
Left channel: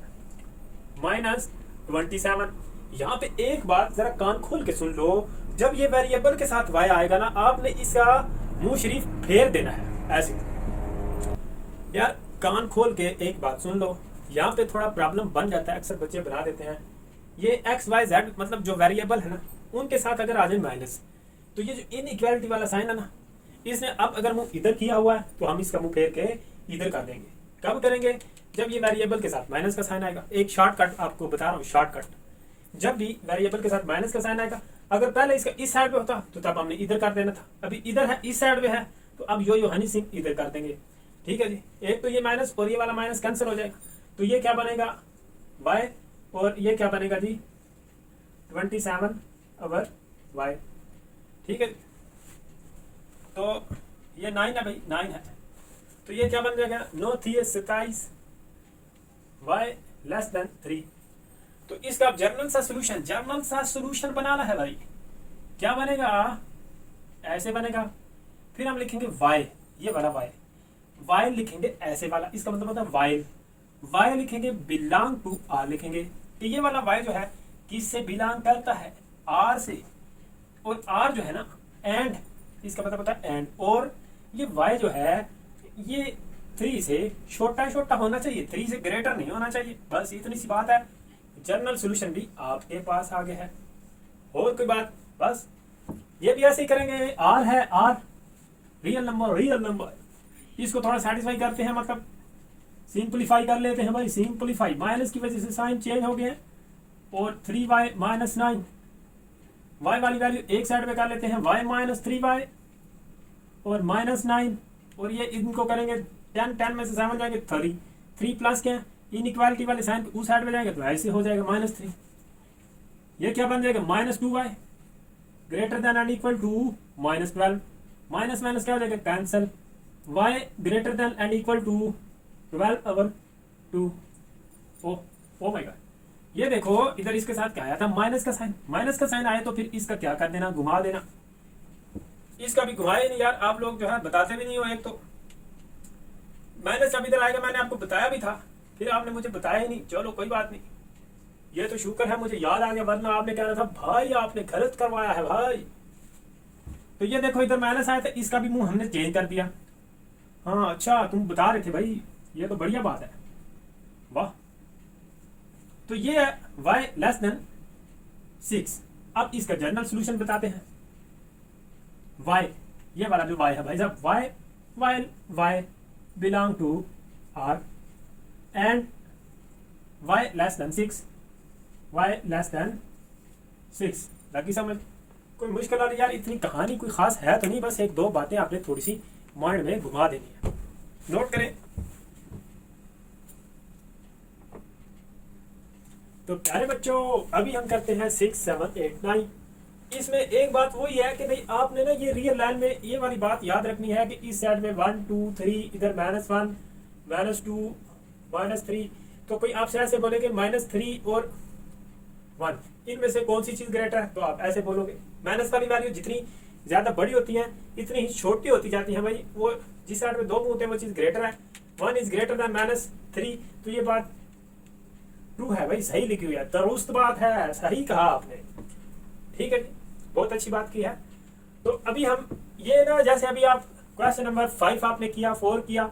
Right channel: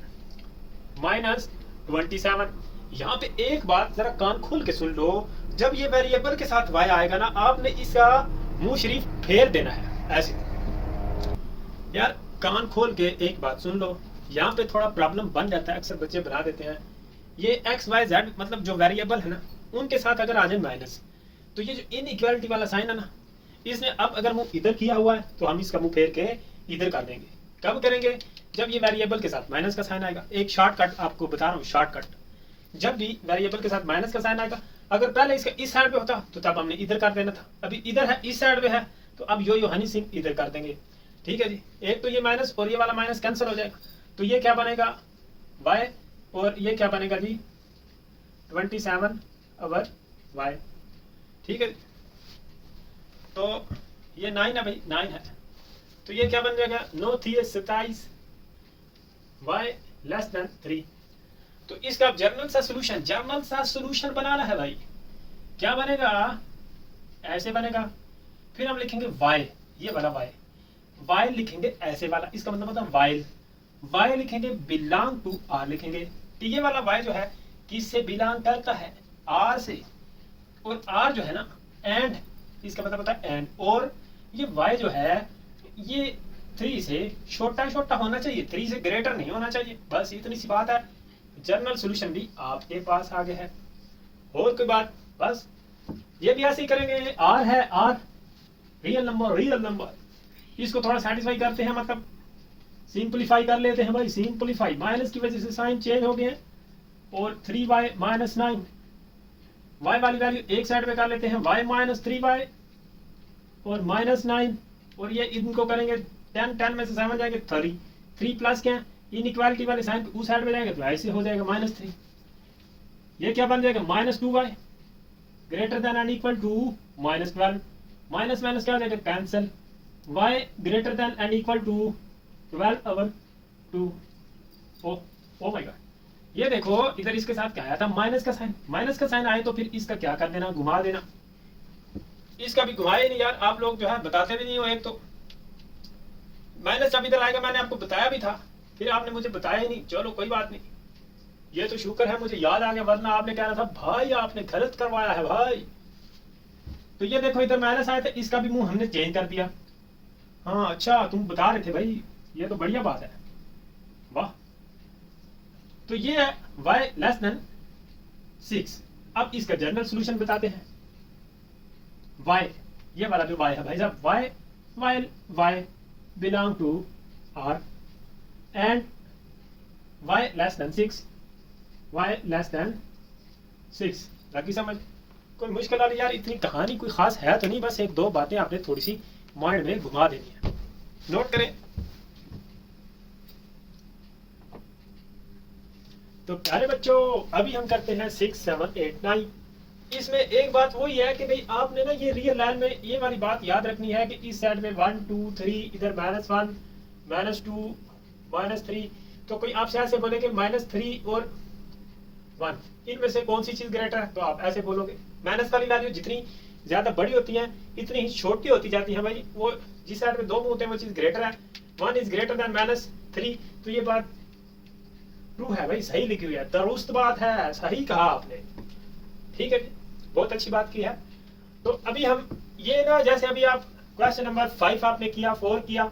-27। यहाँ पे एक बात जरा कान खोल के सुन लो, जब ये वेरिएबल के साथ y आएगा ना, आपने इसका मुंह शरीफ फेर देना है ऐसे। यार कान खोल के एक बात सुन लो, यहाँ पे थोड़ा प्रॉब्लम बन जाता है, अक्सर बच्चे बना देते हैं। ये x y z मतलब जो वेरिएबल है ना, उनके साथ अगर आ जाए माइनस, तो ये जो इनइक्वालिटी वाला साइन है ना, इसने अब अगर मुंह इधर किया हुआ है तो हम इसका मुंह फेर के इधर कर देंगे। कब करेंगे? जब ये वेरिएबल के साथ माइनस का साइन आएगा। एक शॉर्टकट आपको बता रहा हूँ, शॉर्टकट। जब भी वेरिएबल के साथ माइनस का साइन आएगा, अगर पहले इसका इस साइड पे होता तो तब हमने इधर कर देना था, अभी इधर है, इस साइड पे है, तो अब यो हनी सिंह इधर कर देंगे, ठीक है जी। एक तो ये माइनस और ये वाला माइनस कैंसिल हो जाएगा, तो ये क्या बनेगा, y और ये क्या बनेगा जी 27 ओवर y। ठीक है, तो ये 9 है भाई, 9 है, तो ये क्या बन जाएगा 9 थी 27 y लेस देन 3। तो इसका जर्नल सा सोल्यूशन बनाना है भाई। क्या बनेगा, ऐसे बनेगा, फिर हम लिखेंगे y, ये वाला y लिखेंगे ऐसे वाला, इसका मतलब होता है y लिखेंगे बिलोंग टू r लिखेंगे। तो ये वाला y जो है किससे बिलोंग करता है, r से, और r जो है ना एंड, इसका मतलब होता है एंड, और ये y जो है ये 3 से छोटा होना चाहिए, 3 से ग्रेटर नहीं होना चाहिए, बस इतनी सी बात है। जनरल सॉल्यूशन भी आपके पास आ गया है, और कोई बात, बस ये भी ऐसे ही करेंगे। r है, r रियल नंबर, इसको थोड़ा सेटिस्फाई करते हैं, मतलब सिंपलीफाई कर लेते हैं भाई, सिंपलीफाई, माइनस की वजह से साइन चेंज हो गए, और 3y माइनस 9, y वाली वैल्यू एक साइड पे कर लेते हैं, y माइनस 3y और माइनस 9, और ये इनको करेंगे 10 में से 7 जाएंगे 3 प्लस क्या इनइक्वालिटी वाले साइन उस साइड में जाएंगे, तो ऐसे हो जाएगा -3। ये क्या बन जाएगा -2y greater than and equal to -12, minus minus क्या हो जाएगा cancel, y greater than and equal to 12 over 2। Oh my god, ये देखो इधर इसके साथ क्या आया था, माइनस का साइन आया, तो फिर इसका क्या कर देना, घुमा देना। इसका भी घुमाए नहीं यार, आप लोग जो है बताते भी नहीं हो। एक तो माइनस जब इधर आएगा, मैंने आपको बताया भी था, फिर आपने मुझे बताया ही नहीं। चलो कोई बात नहीं, ये तो शुक्र है मुझे याद आ गया, वरना आपने कहना था भाई आपने गलत करवाया है भाई। तो ये देखो इधर माइनस आया था, इसका भी मुंह हमने चेंज कर दिया। हाँ अच्छा, तुम बता रहे थे भाई, ये तो बढ़िया बात है, वाह। तो ये है y लेस देन 6। अब इसका जनरल सॉल्यूशन बताते हैं। y, ये वाला जो y है भाई साहब, y belong to r and y less than 6, लगी समझ। कोई मुश्किल वाली यार इतनी कहानी कोई खास है तो नहीं, बस एक दो बातें आपने थोड़ी सी माइंड में घुमा देनी है, नोट करें। तो प्यारे बच्चों, अभी हम करते हैं 6, 7, 8, 9। इसमें एक बात वही है कि भाई आपने ना ये रियल लाइन में ये वाली बात याद रखनी है कि इस साइड में 1 2 3, इधर -1 -2 -3। तो कोई आपसे ऐसे बोले कि -3 और 1 इनमें से कौन सी चीज ग्रेटर है, तो आप ऐसे बोलोगे। माइनस वाली वैल्यू जितनी ज्यादा बड़ी होती है इतनी ही छोटी होती जाती है भाई, वो जिस साइड में 2 होते हैं वो चीज ग्रेटर है। 1 इज ग्रेटर देन -3, तो ये बात ट्रू है भाई, सही लिखी हुई है, दुरुस्त बात है, सही कहा आपने। ठीक है जी, बहुत अच्छी बात की है। तो अभी हम ये ना, जैसे अभी आप क्वेश्चन नंबर 5 आपने किया, 4 किया,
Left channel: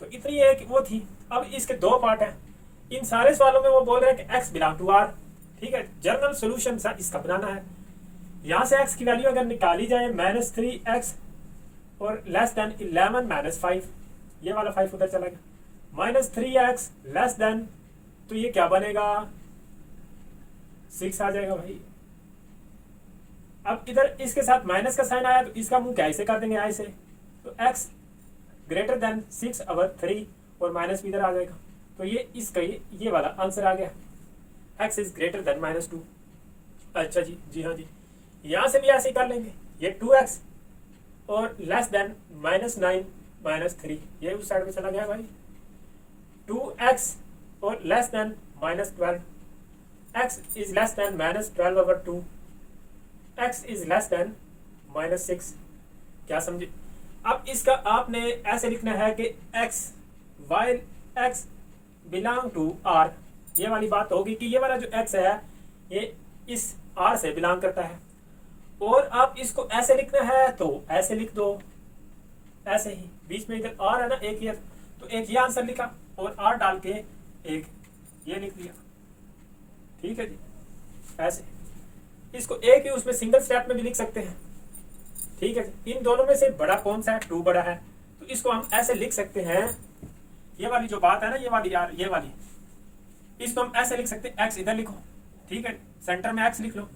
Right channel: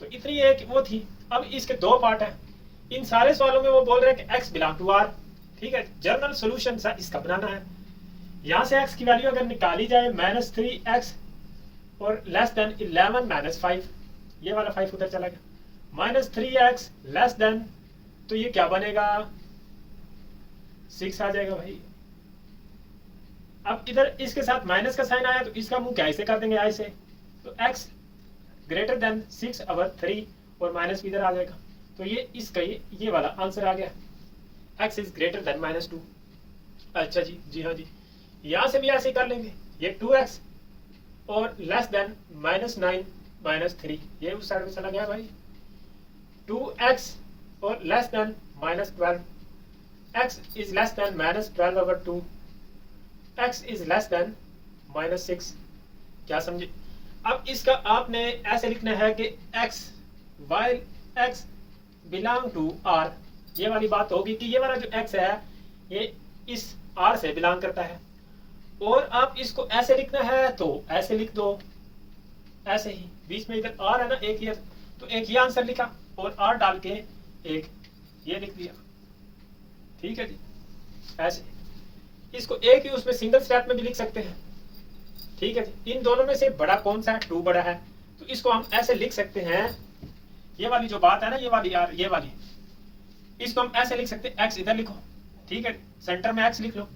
तो इतनी एक वो थी। अब इसके 2 पार्ट हैं। इन सारे सवालों में वो बोल रहे हैं कि x बिलोंग टू r। ठीक है, जनरल सॉल्यूशन सा इसका बनाना है। यहाँ से x की वैल्यू अगर निकाली जाए -3x और लेस देन 11 -5, ये वाला 5 उधर चला गया, -3x लेस देन, तो ये क्या बनेगा 6 आ जाएगा भाई। अब इधर इसके साथ माइनस का साइन आया, तो इसका मुंह कैसे कर देंगे ऐसे, तो x ग्रेटर देन 6 ओवर 3 और माइनस भी इधर आ जाएगा, तो ये इसका ये वाला आंसर आ गया, x इज ग्रेटर देन -2। अच्छा जी, जी हाँ जी, यहां से भी ऐसे कर लेंगे, ये 2x और लेस देन -9 -3, ये उस साइड में चला गया भाई। 2x और less then -12, x is less than -12 over 2, x is less than -6। क्या समझे? अब इसका आपने ऐसे लिखना है कि x बिलोंग टू r, ये वाली बात होगी कि ये वाला जो x है ये इस r से बिलोंग करता है, और आप इसको ऐसे लिखना है तो ऐसे लिख दो, ऐसे ही बीच में इधर r है ना, एक ये, तो एक ये आंसर लिखा और r डाल के एक ये लिख दिया। ठीक है जी, ऐसे इसको एक ही उसमें सिंगल स्टेप में भी लिख सकते हैं। ठीक है जी, इन दोनों में से बड़ा कौन सा है, 2 बड़ा है, तो इसको हम ऐसे लिख सकते हैं। ये वाली जो बात है ना, ये वाली यार, ये वाली, इसको हम ऐसे लिख सकते हैं, x इधर लिखो, ठीक है, सेंटर में x लिख लो,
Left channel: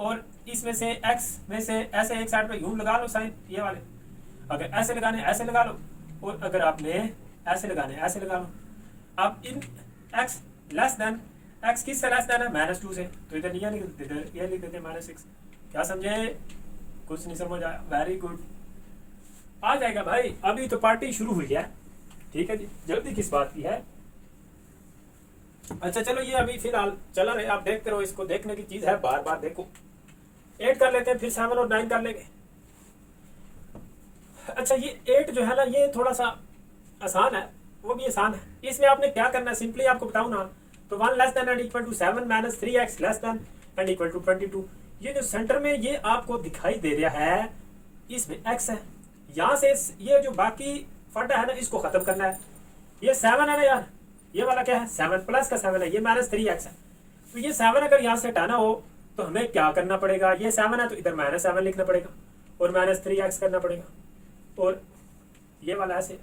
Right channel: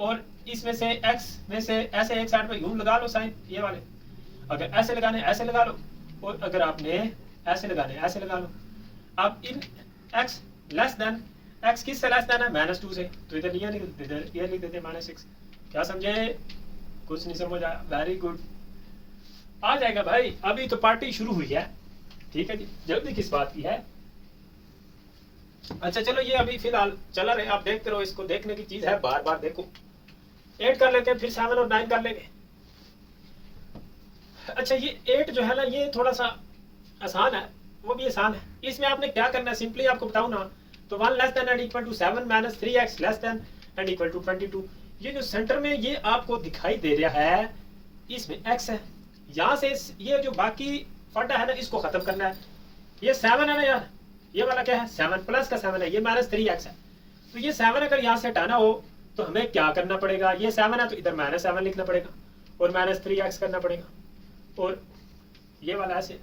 और इसमें से x में से ऐसे एक साइड पे यूं लगा लो साइन, ये वाले, अगर ऐसे लगाने ऐसे लगा लो, और अगर आपने ऐसे लगाने ऐसे लगा लो। अब इन x लेस देन एक्स किस से लेस देन है, -2 से, तो इधर ये लिख देते -6। क्या समझे, कुछ नहीं समझ आया, वेरी गुड, आ जाएगा भाई, अभी तो पार्टी शुरू हुई है, ठीक है जी, जल्दी किस बात की है। अच्छा चलो, ये अभी फिलहाल चला रहे, आप देखते रहो, इसको देखने की चीज है, बार बार देखो। 8 कर लेते हैं, फिर 7 और 9 कर लेंगे। अच्छा ये 8 जो है ना, ये थोड़ा सा आसान है, वो भी आसान है। इसमें आपने क्या करना है, सिंपली आपको बताऊं ना, तो 1 less than and equal to 7 minus 3x less than and equal to 22। ये जो सेंटर में ये आपको दिखाई दे रहा है, इसमें x है, यहाँ से ये जो बाकी फटा है ना, इसको खत्म करना है। ये 7 है ना यार, ये वाला क्या है, 7 प्लस का 7 है, ये -3x है। तो ये 7 अगर यहाँ से हटाना हो तो हमें क्या करना पड़ेगा, ये 7 है तो इधर -7 लिखना पड़ेगा और -3x करना पड़ेगा, और ये वाला ऐसे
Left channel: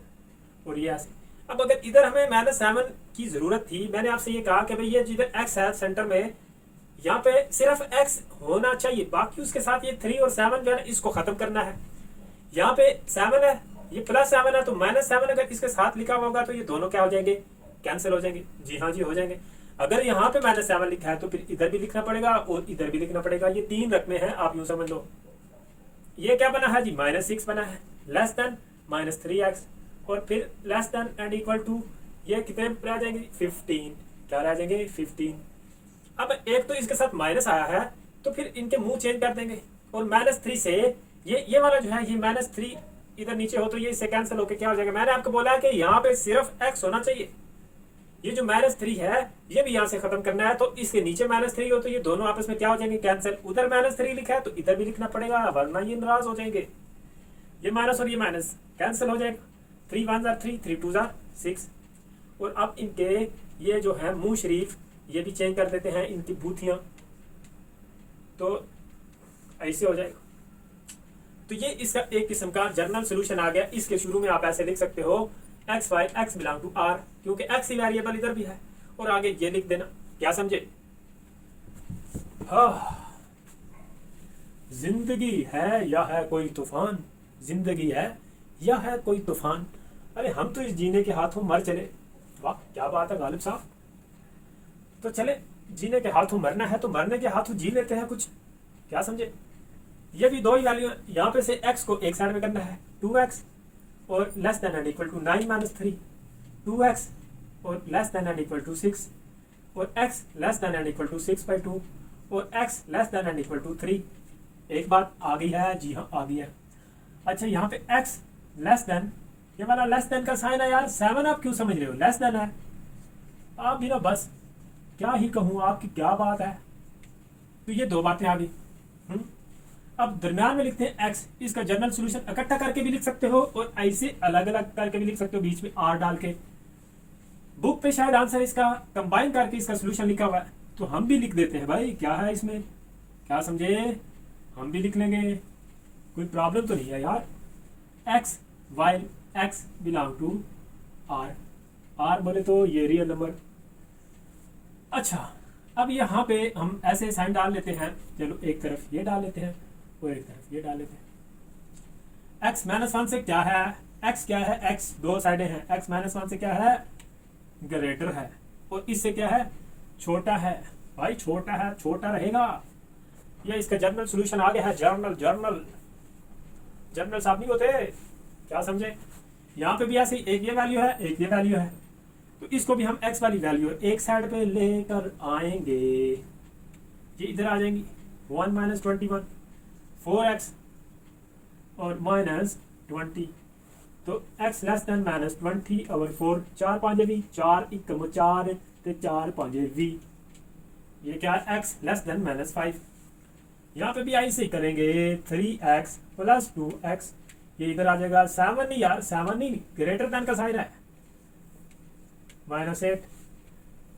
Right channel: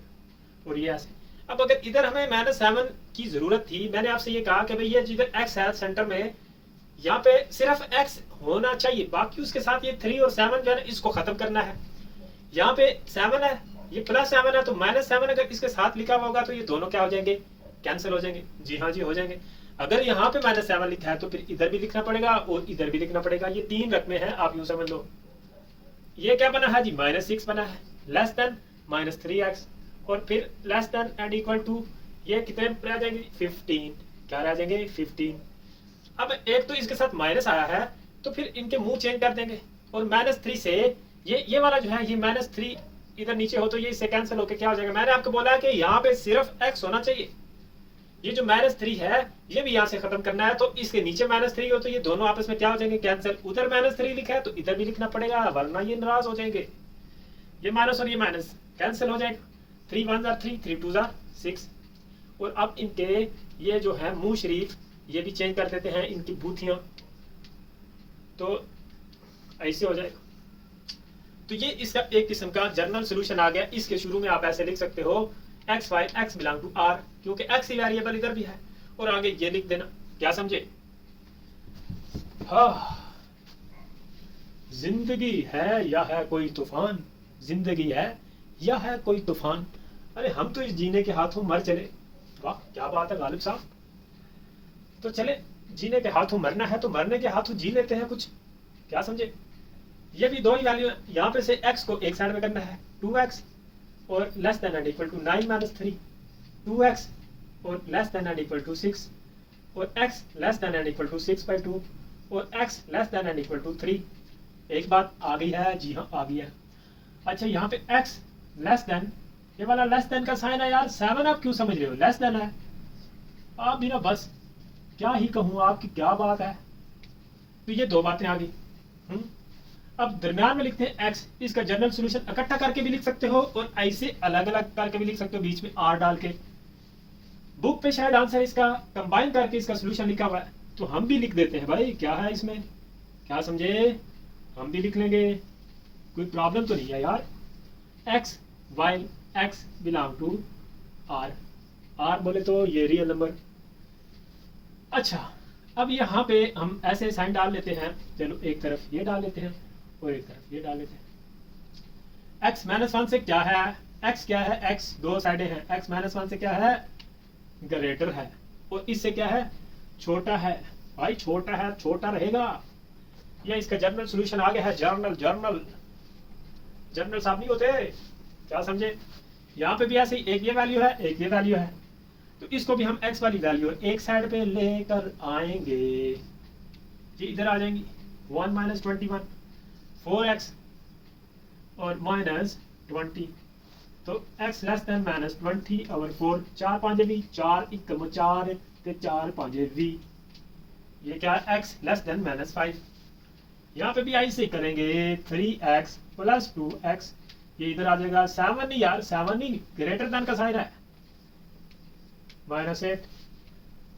और ये ऐसे। अब अगर इधर हमें -7 की जरूरत थी, मैंने आपसे ये कहा कि भाई ये जिधर x है सेंटर में, यहाँ पे सिर्फ x होना चाहिए, बाकी उसके साथ ये 3 और 7 जो है इसको खत्म करना है। यहाँ पे 7 है, ये +7 है, तो -7 अगर इसके साथ लिखा होगा तो ये दोनों क्या हो जाएंगे, कैंसिल हो जाएंगे। जी हाँ जी, हो जाएंगे। अगर यहाँ पे -7 लिखा है तो फिर इधर भी लिखना पड़ेगा और इधर भी लिखना पड़ेगा, ये 3 रकमें हैं, आप यूं समझ लो। ये क्या बना है जी, -6 बना है, लेस देन -3x, और फिर less than and equal to, ये कितने रह जाएंगे, 15, क्या रह जाएंगे, 15। अब एक तो इसके साथ माइनस आया है, तो फिर इनके मुंह चेंज कर देंगे, और -3 से ये वाला जो है, ये -3 इधर नीचे हो तो ये इससे कैंसिल होकर क्या हो जाएगा। मैंने आपको बोला है कि यहाँ पे सिर्फ x होना चाहिए, ये जो -3 है ये भी यहाँ से खत्म करना है, तो इसके नीचे -3 हो तो ये दोनों आपस में क्या हो जाएंगे, कैंसिल। उधर -3 लिखा है तो इधर भी लिखना पड़ेगा, वरना ये नाराज हो जाएंगे। ये माइनस और ये माइनस कैंसिल हो जाएगा, 3 1 जार 3, 3 2 जार 6। और अब इनके ये जो है मुंह शरीफ, ये भी चेंज कर देते हैं, इनकी बूथियां, तो ऐसे हो जाएगा। तो ये इसका एक किस्म का जर्नल सोल्यूशन आ गया। इसके शुरू में आप ऐसे लिख सकते हो, x5 x belong to r, क्योंकि x ही वेरिएबल इधर भी है, और आगे ये लिख देना। क्या समझे? हाँ, जिंदगी है या है कोई तूफान, जिंदगी है या है कोई तूफान, अरे हम तो इस जीने के हाथों मर चले। वाह क्या बात है गालिब साहब। तो चले, जीने के हाथों मरना है तो मरने के हाथों जी लेते हैं कुछ। क्या समझे? ये भी दो ही वैल्यू है, यहाँ पे से x को एक साइड में करना है, 2x और less than and equal to 9 minus 3, 2x और less than and equal to 6, और x less than and equal to 6/2, और x less than and equal to 3। एक बात आ गई है? जी हाँ आ गई है। अच्छा यहाँ पे x लेस देन, ये वाला लेस देन का साइन है यार, 7 आप क्यों समझ रहे हो, लेस देन है। आप भी ना बस क्या ही कहूँ, आपकी क्या बात है। तो ये दो बातें आ गई। अब दरम्यान में लिखते हैं x, इसका जनरल सॉल्यूशन इकट्ठा करके भी लिख सकते हो और ऐसे अलग अलग करके भी लिख सकते हो, बीच में r डाल के। बुक पे शायद आंसर इसका कंबाइन करके इसका सॉल्यूशन लिखा हुआ है, तो हम भी लिख देते हैं भाई, क्या है इसमें, क्या समझे, हम भी लिख लेंगे, कोई प्रॉब्लम तो नहीं है यार। x while x belong to r, r बोले तो ये रियल नंबर। अच्छा अब यहाँ पे हम ऐसे साइन डाल लेते हैं, चलो एक तरफ ये डाल लेते हैं और एक तरफ ये डाल लेते हैं। x -1 से क्या है, x क्या है, x दो साइडें हैं, x -1 से क्या है, ग्रेटर है, और इससे क्या है, छोटा है। भाई छोटा है, छोटा रहेगा। ये इसका जर्नल सॉल्यूशन आ गया है, जर्नल जर्नल जर्नल साहब नहीं होते, क्या समझे। यहाँ पे भी ऐसे ही एक ये वैल्यू है, एक ये वैल्यू है, तो इसको भी हम x वाली वैल्यू एक साइड पे लेकर आएंगे, ये इधर आ जाएंगी। 1 - 21, 4x और -20, तो x लेस देन -20 और 4, 4 5 भी 4 1 4 ते 4 5 भी, ये क्या है, x लेस देन -5। यहाँ पे भी ऐसे ही करेंगे, 3x + 2x, ये इधर आ जाएगा। 7 नहीं यार, 7 नहीं, ग्रेटर देन का साइन है, -8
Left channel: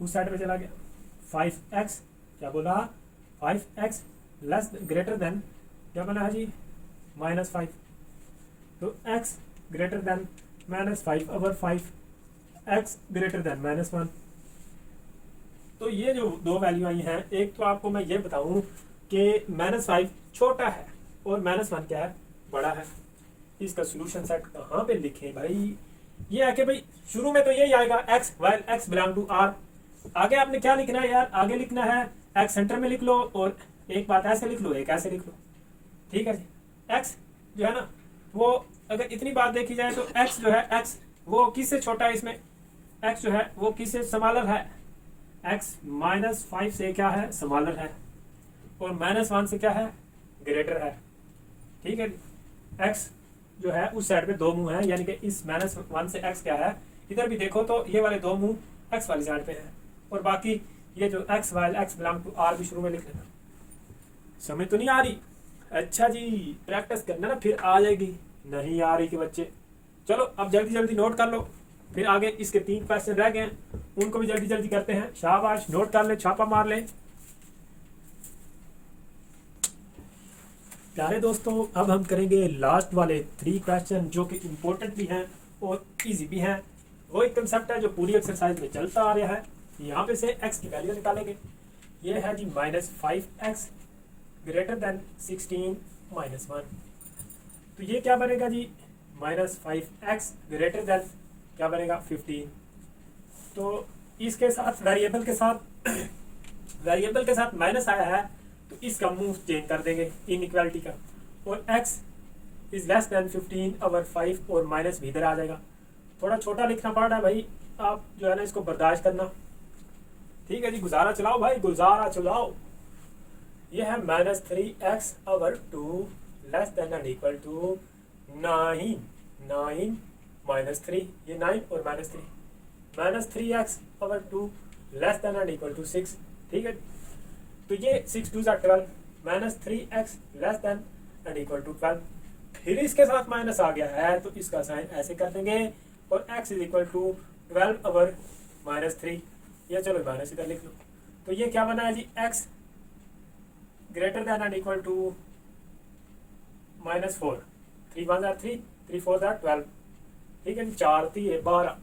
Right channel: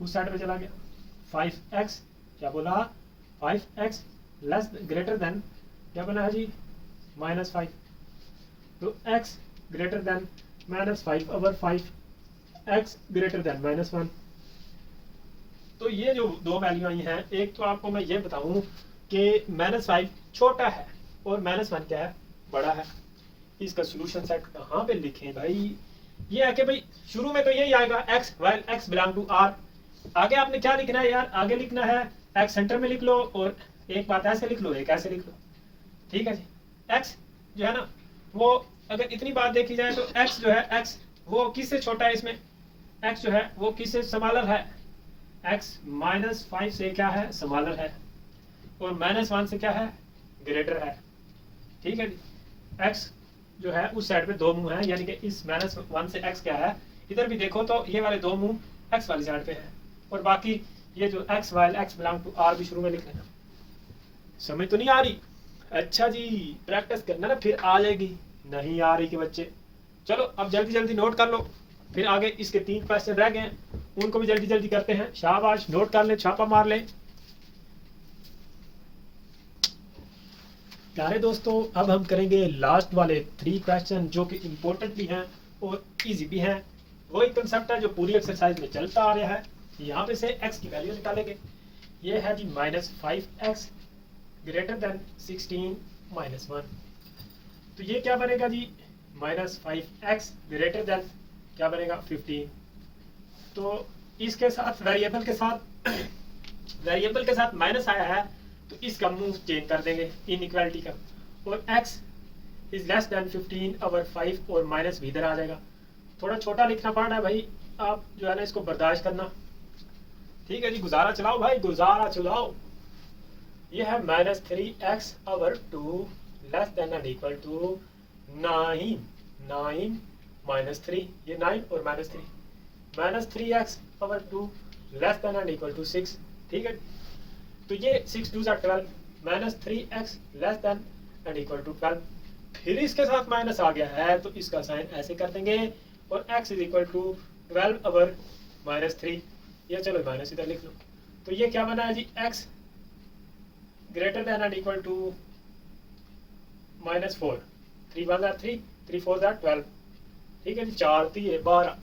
उस साइड पे चला गया। 5x, क्या बोला, 5x लेस ग्रेटर देन, क्या बना है जी, -5, तो x greater then -5 over 5, x greater then -1। तो ये जो दो वैल्यू आई हैं, एक तो आपको मैं ये बताऊं कि -5 छोटा है और -1 क्या है, बड़ा है। इसका सॉल्यूशन सेट कहाँ पे लिखें भाई, ये है कि भाई शुरू में तो यही आएगा, x while x belong to r, आगे आपने क्या लिखना है यार, आगे लिखना है एक्स सेंटर में लिख लो और एक बात ऐसे लिख लो, एक ऐसे लिख लो, ठीक है जी। एक्स जो है ना वो अगर इतनी बात देखी जाए तो एक्स जो है, एक्स वो किससे छोटा है इसमें, एक्स जो है वो किससे स्मॉलर है, एक्स -5 से क्या है, स्मॉलर है, और -1 से क्या है, ग्रेटर है, ठीक है जी। एक्स जो है उस साइड पे दो मुंह है, यानी कि इस -1 से एक्स क्या है, इधर भी देखो तो ये वाले दो मुंह एक्स वाली साइड पे है, और बाकी ये जो x while x belong to r भी शुरू में लिख लेना। समझ तो नहीं आ रही? अच्छा जी, प्रैक्टिस करना ना, फिर आ जाएगी। नहीं आ रही कि बच्चे, चलो अब जल्दी जल्दी नोट कर लो, फिर आगे इसके 3 क्वेश्चन रह गए उनको भी जल्दी जल्दी करते हैं। शाबाश, नोट कर ले, छापा मार ले प्यारे दोस्तों। अब हम करेंगे लास्ट वाले 3 क्वेश्चन जो कि इम्पोर्टेंट भी हैं और इजी भी हैं। वही कंसेप्ट है जो पूरी एक्सरसाइज में चलता आ रहा है। यहाँ पे से x की वैल्यू निकालेंगे। ये है जी -5x ग्रेटर देन 16 -1। तो ये क्या बनेगा जी, -5x ग्रेटर देन क्या बनेगा, 15। तो इसके साथ वेरिएबल के साथ वेरिएबल के साथ माइनस आया है तो इसका मुंह चेंज कर देंगे इनइक्वालिटी का, और x इज लेस देन 15 और 5 और माइनस भी इधर आ जाएगा। थोड़ा छोटा लिखना पड़ रहा है भाई, आप जो है ना इसको बर्दाश्त करना, ठीक है जी। गुजारा चलाओ भाई, गुजारा चलाओ। ये है -3x और 2 less than and equal to 9 -3, ये 9 और -3, -3x और 2 less than and equal to 6, ठीक है। तो ये 6 2 12, -3x less than and equal to 12। फिर इसके साथ माइनस आ गया है तो इसका साइन ऐसे कर देंगे, और x इज इक्वल टू 12 और -3, ये चलो माइनस इधर लिख लो। तो ये क्या बना है जी, x greater than and equal to -4, 3 1 3, 3 4 12, ठीक है जी। 4 3 12।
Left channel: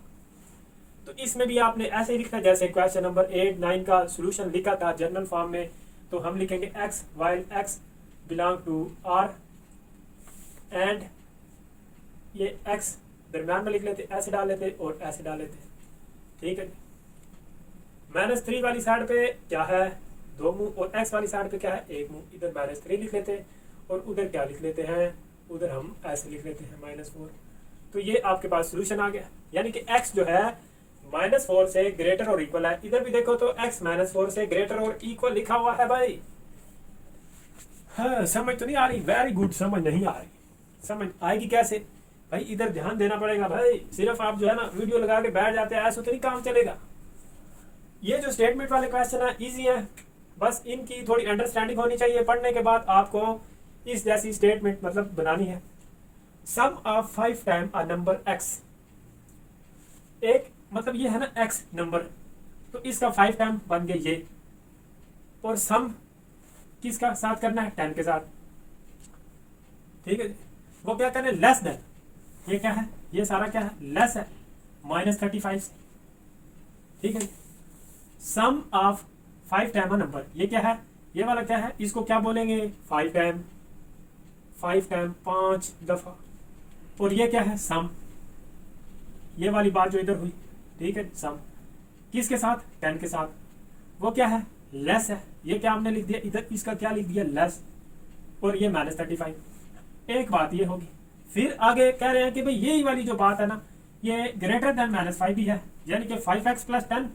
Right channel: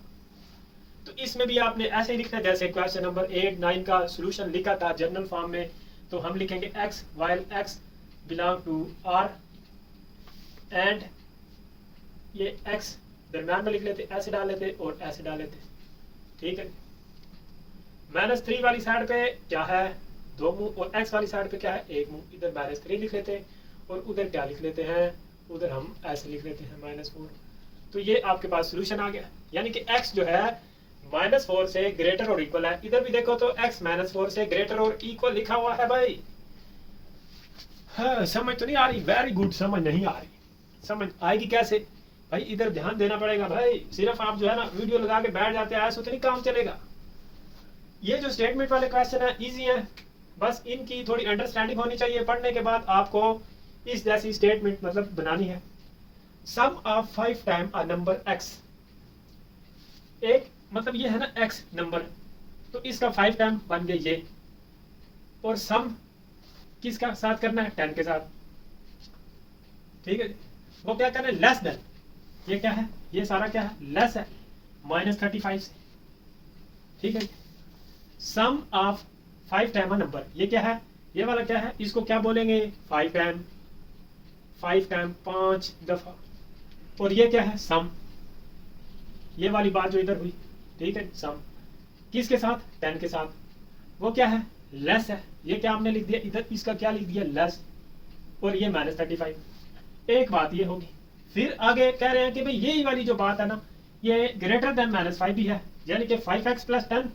तो इसमें भी आपने ऐसे ही लिखना है जैसे क्वेश्चन नंबर 8 9 का सॉल्यूशन लिखा था जनरल फॉर्म में। तो हम लिखेंगे x while x belong to r and ये x दरम्यान में लिख लेते, ऐसे डाल लेते और ऐसे डाल लेते, ठीक है। -3 वाली साइड पे क्या है, दो मुंह, और x वाली साइड पे क्या है, एक मुंह। इधर -3 लिख लेते और उधर क्या लिख लेते हैं, उधर हम ऐसे लिख लेते हैं -4। तो ये आपके पास सॉल्यूशन आ गया, यानी कि x जो है -4 से ग्रेटर और इक्वल है। इधर भी देखो तो x -4 से ग्रेटर और इक्वल लिखा हुआ है भाई। हाँ, समझ तो नहीं आ रही? वेरी गुड, समझ नहीं आ रही, समझ आएगी कैसे भाई? इधर ध्यान देना पड़ेगा भाई। सिर्फ आप जो है ना वीडियो लगा के बैठ जाते हैं, ऐसा तो नहीं काम चलेगा। ये जो स्टेटमेंट वाले क्वेश्चन है इजी है, बस इनकी थोड़ी अंडरस्टैंडिंग होनी चाहिए। पढ़ने के बाद आपको इस जैसी स्टेटमेंट मतलब बनानी है। Sum of 5 time a number x, एक मतलब ये है ना x नंबर, तो इसका 5 टाइम बन गया ये, और सम किसका साथ करना है, 10 के साथ, ठीक है। वो क्या करना है, लेस देन, ये क्या है, ये सारा क्या है, लेस है -35 से, ठीक है। सम ऑफ 5 टाइम नंबर, ये क्या है, ये वाला क्या है, इसको क्या बोलेंगे, 5 टाइम 5 दफा, और ये क्या है, सम, ये वाली बात जो इधर हुई, ठीक है। सम किसके साथ, 10 के साथ। वो क्या है, लेस है, ये क्या हमने लिख दिया इधर, इसका क्या लिख दिया, लेस, और ये -35। एक बात ये होगी। फिर आगे कह रहे हैं कि भाई यही वाली जो बात है ना, ये ग्रेटर देन -5 भी है, यानी कि 5x + 10,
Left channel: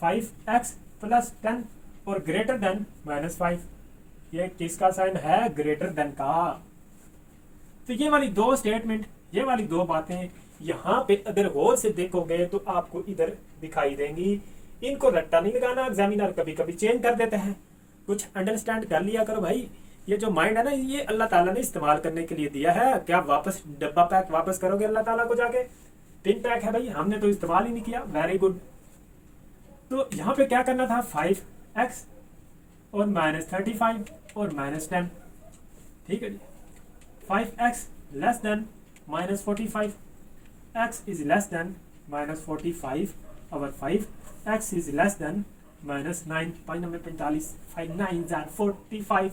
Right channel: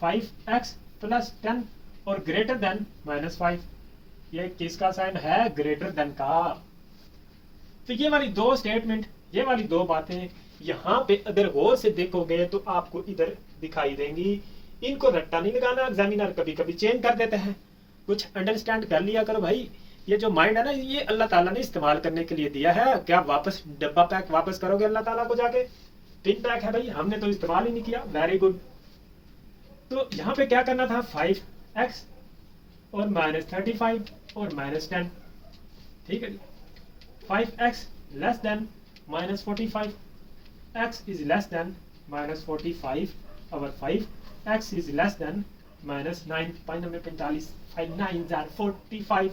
5x + 10 और ग्रेटर देन -5, ये किसका साइन है, ग्रेटर देन का। तो ये वाली दो स्टेटमेंट, ये वाली दो बातें यहाँ पे अगर गौर से देखोगे तो आपको इधर दिखाई देंगी। इनको रट्टा नहीं लगाना, एग्जामिनर कभी कभी चेंज कर देते हैं, कुछ अंडरस्टैंड कर लिया करो भाई। ये जो माइंड है ना, ये अल्लाह ताला ने इस्तेमाल करने के लिए दिया है। क्या वापस डब्बा पैक वापस करोगे अल्लाह ताला को जाके, पिन पैक है भाई, हमने तो इस्तेमाल ही नहीं किया। Very good. तो यहाँ पे क्या करना था, 5x और -35 और -10, ठीक है जी। 5x less than -45, x is less than -45 और 5x is less than -9, 5 5 9 are 45।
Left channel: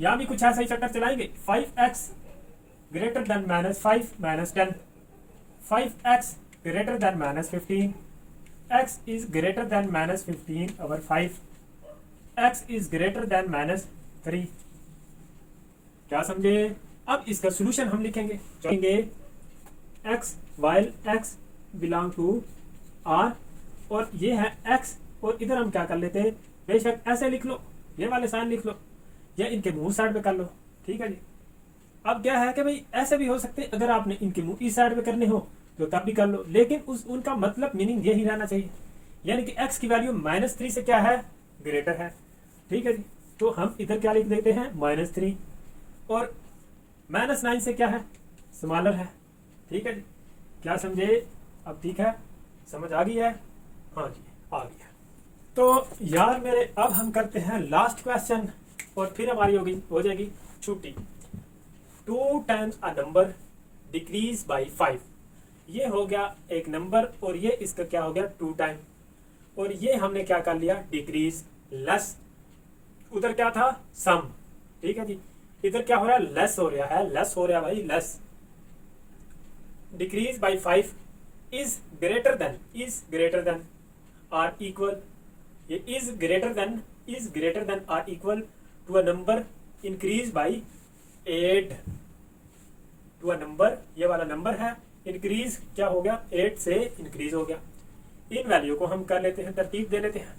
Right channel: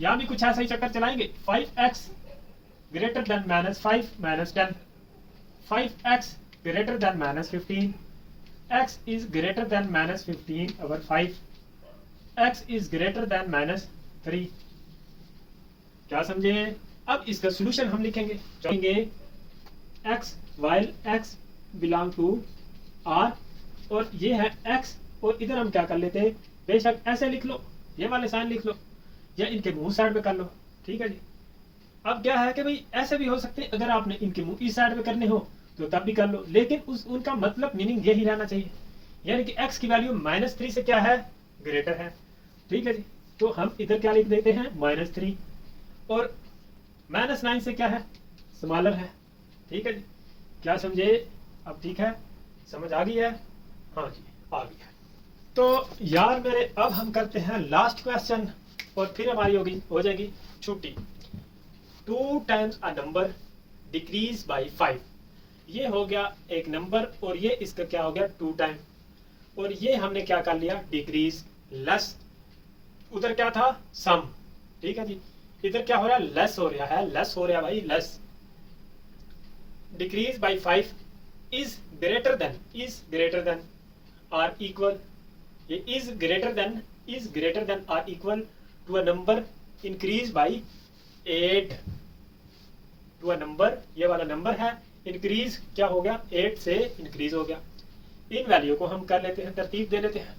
यहाँ भी कुछ ऐसा ही चक्कर चलाएंगे। 5x greater than -5 -10, 5x greater than -15, x is greater than -15 over 5, x is greater than -3। क्या समझे? अब इसका सोल्यूशन हम लिखेंगे x while x belong to R, और ये है x, और इधर हम क्या कर लेते हैं, बेशक ऐसे लिख लो, ये वाले साइन लिख लो, या इनके मुंह साइड पे कर लो, ठीक है जी। अब क्या है कि भाई ऐसे भी हो सकते हैं, अगर आपने इनके मुंह इस साइड पे करने हो तो तब भी कर लो, लेकिन उनका मतलब मीनिंग यही रहना चाहिए, यानी कि x की वैल्यू -3 से क्या है, ग्रेटर है, ठीक है जी। तो हम इधर क्या लिख देते हैं, -3, और -9 से क्या है, स्मॉलर है, ठीक है जी। क्या समझे? अब ठीक है, समझ आ गई है? हाँ जी, आ गई है। तो यार मेरे, अब हम करते हैं लास्ट क्वेश्चन, और फिर हमारी हो जाएगी छुट्टी। 2 times a number decrease by 5, ये हो गया एक नंबर, और ये इसका क्या हो गया 2 टाइम, और ये हमने क्या कर लिया, डिक्रीज लेस, उधर क्या था सम, ठीक है जी। इधर क्या हो रहा है, लेस हो रहा है, लेस हो रहा है भाई, less. Decrease by 5 is greater than or equal, ये is greater than or equal to a number increase by 8, to a number, ये वाला नंबर है, इंक्रीज क्या हो गया, 8 से इंक्रीज हो गया। इन वैल्यू को हम कर लेते हैं, तरतीब दे लेते हैं।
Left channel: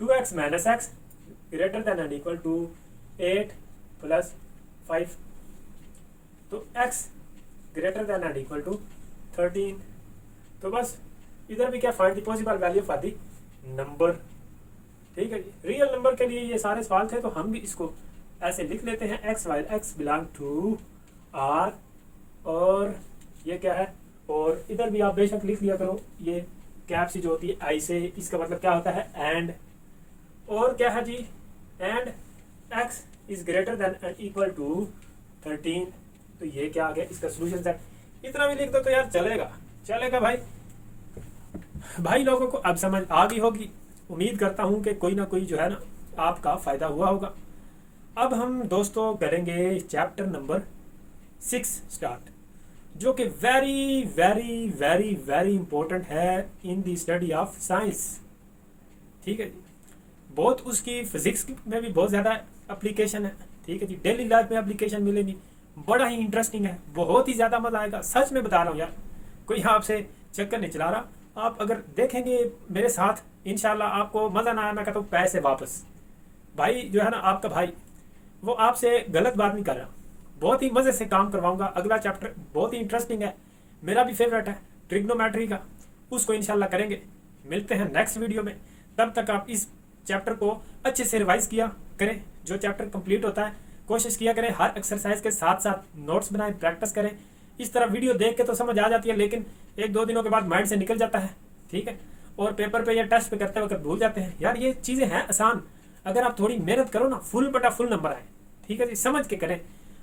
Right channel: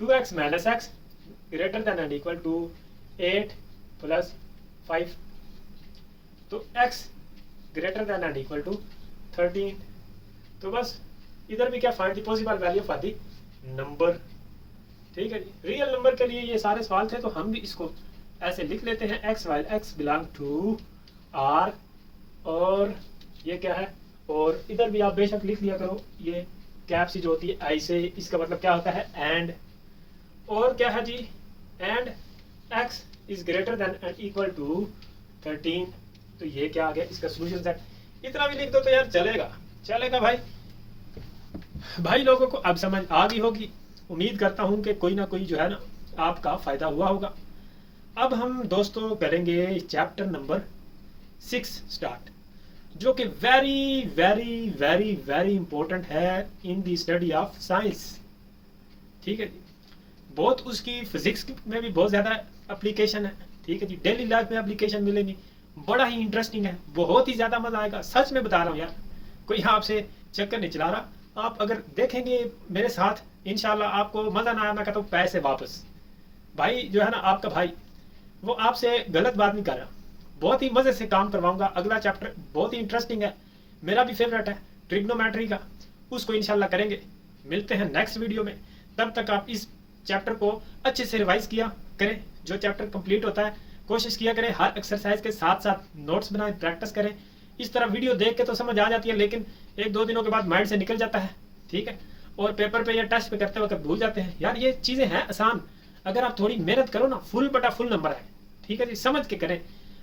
2x minus x greater than and equal to 8 plus 5, तो x greater than and equal to 13। तो बस इधर भी क्या, find the possible value for the number, ठीक है जी। रियल नंबर के लिए ये सारे सवाल थे, तो हम भी इसको ऐसे लिख लेते हैं, x while x belong to R, और ये क्या है, और इधर भी आप बेशक लिख लिया करो, ये कैप सी जो होती है आई से, इसका मतलब क्या होता है एंड, और क्या है जी, and x is greater than and equal to 13, तो ये क्या आ गया, इसका सोल्यूशन सेट। इतना भी लिख दो तो यार चलेगा भाई लोगों को अब समझ आ गई होगी। उम्मीद करता हूँ कि कोई ना कोई जो है ना आपका फायदा हुआ होगा। अब हम दोस्तों करेंगे चैप्टर नंबर 6 स्टार्ट, जो कि very very very very important है in the study of science, ठीक है जी। बहुत उसकी फिजिक्स में भी बहुत ज़्यादा एप्लीकेशन है, ठीक है जी। डेली लाइफ में एप्लीकेशन मिलेगी, बड़ा ही इंटरेस्टिंग है, बहुत ही ज़्यादा मज़ा आएगा, सच में बता रहा हूँ यार, कोई आपसे चक्कर नहीं चला रहा। आप अगर देखेंगे मेरे साथ, इंशाल्लाह आपको मज़ा ना आया, मैं कहता हूँ पैसे वापस। भाई जो है ना आपका भाई, वो आपसे गलत बात नहीं कर रहा, बहुत ही मज़े से काम करवाऊंगा। अगला चैप्टर बहुत ही इंटरेस्टिंग है, मेरा भी फेवरेट है ट्रिग्नोमेट्री का, उसको इंशाल्लाह करेंगे। मिलते हैं नेक्स्ट वीडियो में, तब तक आप इस चैप्टर को अच्छे से रिवाइज किया करें। जो चैप्टर कंप्लीट होता है कोशिश किया करें हर एक्सरसाइज के साथ साथ नोट्स बनाएं, प्रैक्टिस करें। इस तरह वीडियो देख के तो समझ आ जाती है, लेकिन 1-2 दिनों के बाद माइंड से निकल जाता है, ठीक है। और पेपर पे या टेस्ट पे करते वक्त भूल जाते हैं। यार ये चीज़ें हैं आसान, अगर आप थोड़ी मेहनत करो ना, फुल बटा फुल नंबर आए, ठीक है जी। समझ के करें,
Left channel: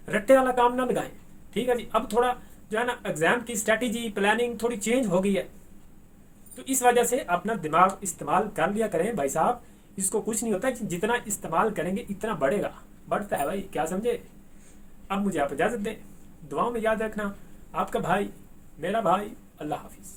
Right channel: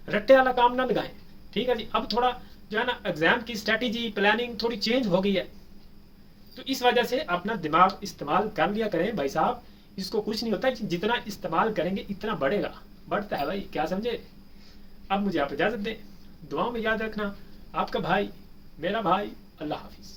रट्टे वाला काम ना लगाएं, ठीक है जी। अब थोड़ा जो है ना एग्जाम की स्ट्रेटेजी प्लानिंग थोड़ी चेंज हो गई है, तो इस वजह से अपना दिमाग इस्तेमाल कर लिया करें भाई साहब। इसको कुछ नहीं होता, जितना इस्तेमाल करेंगे इतना बढ़ता है भाई, क्या समझे। अब मुझे आप इजाज़त दें, दुआओं में याद रखना, आपका भाई, मेरा भाई, अल्लाह हाफिज़।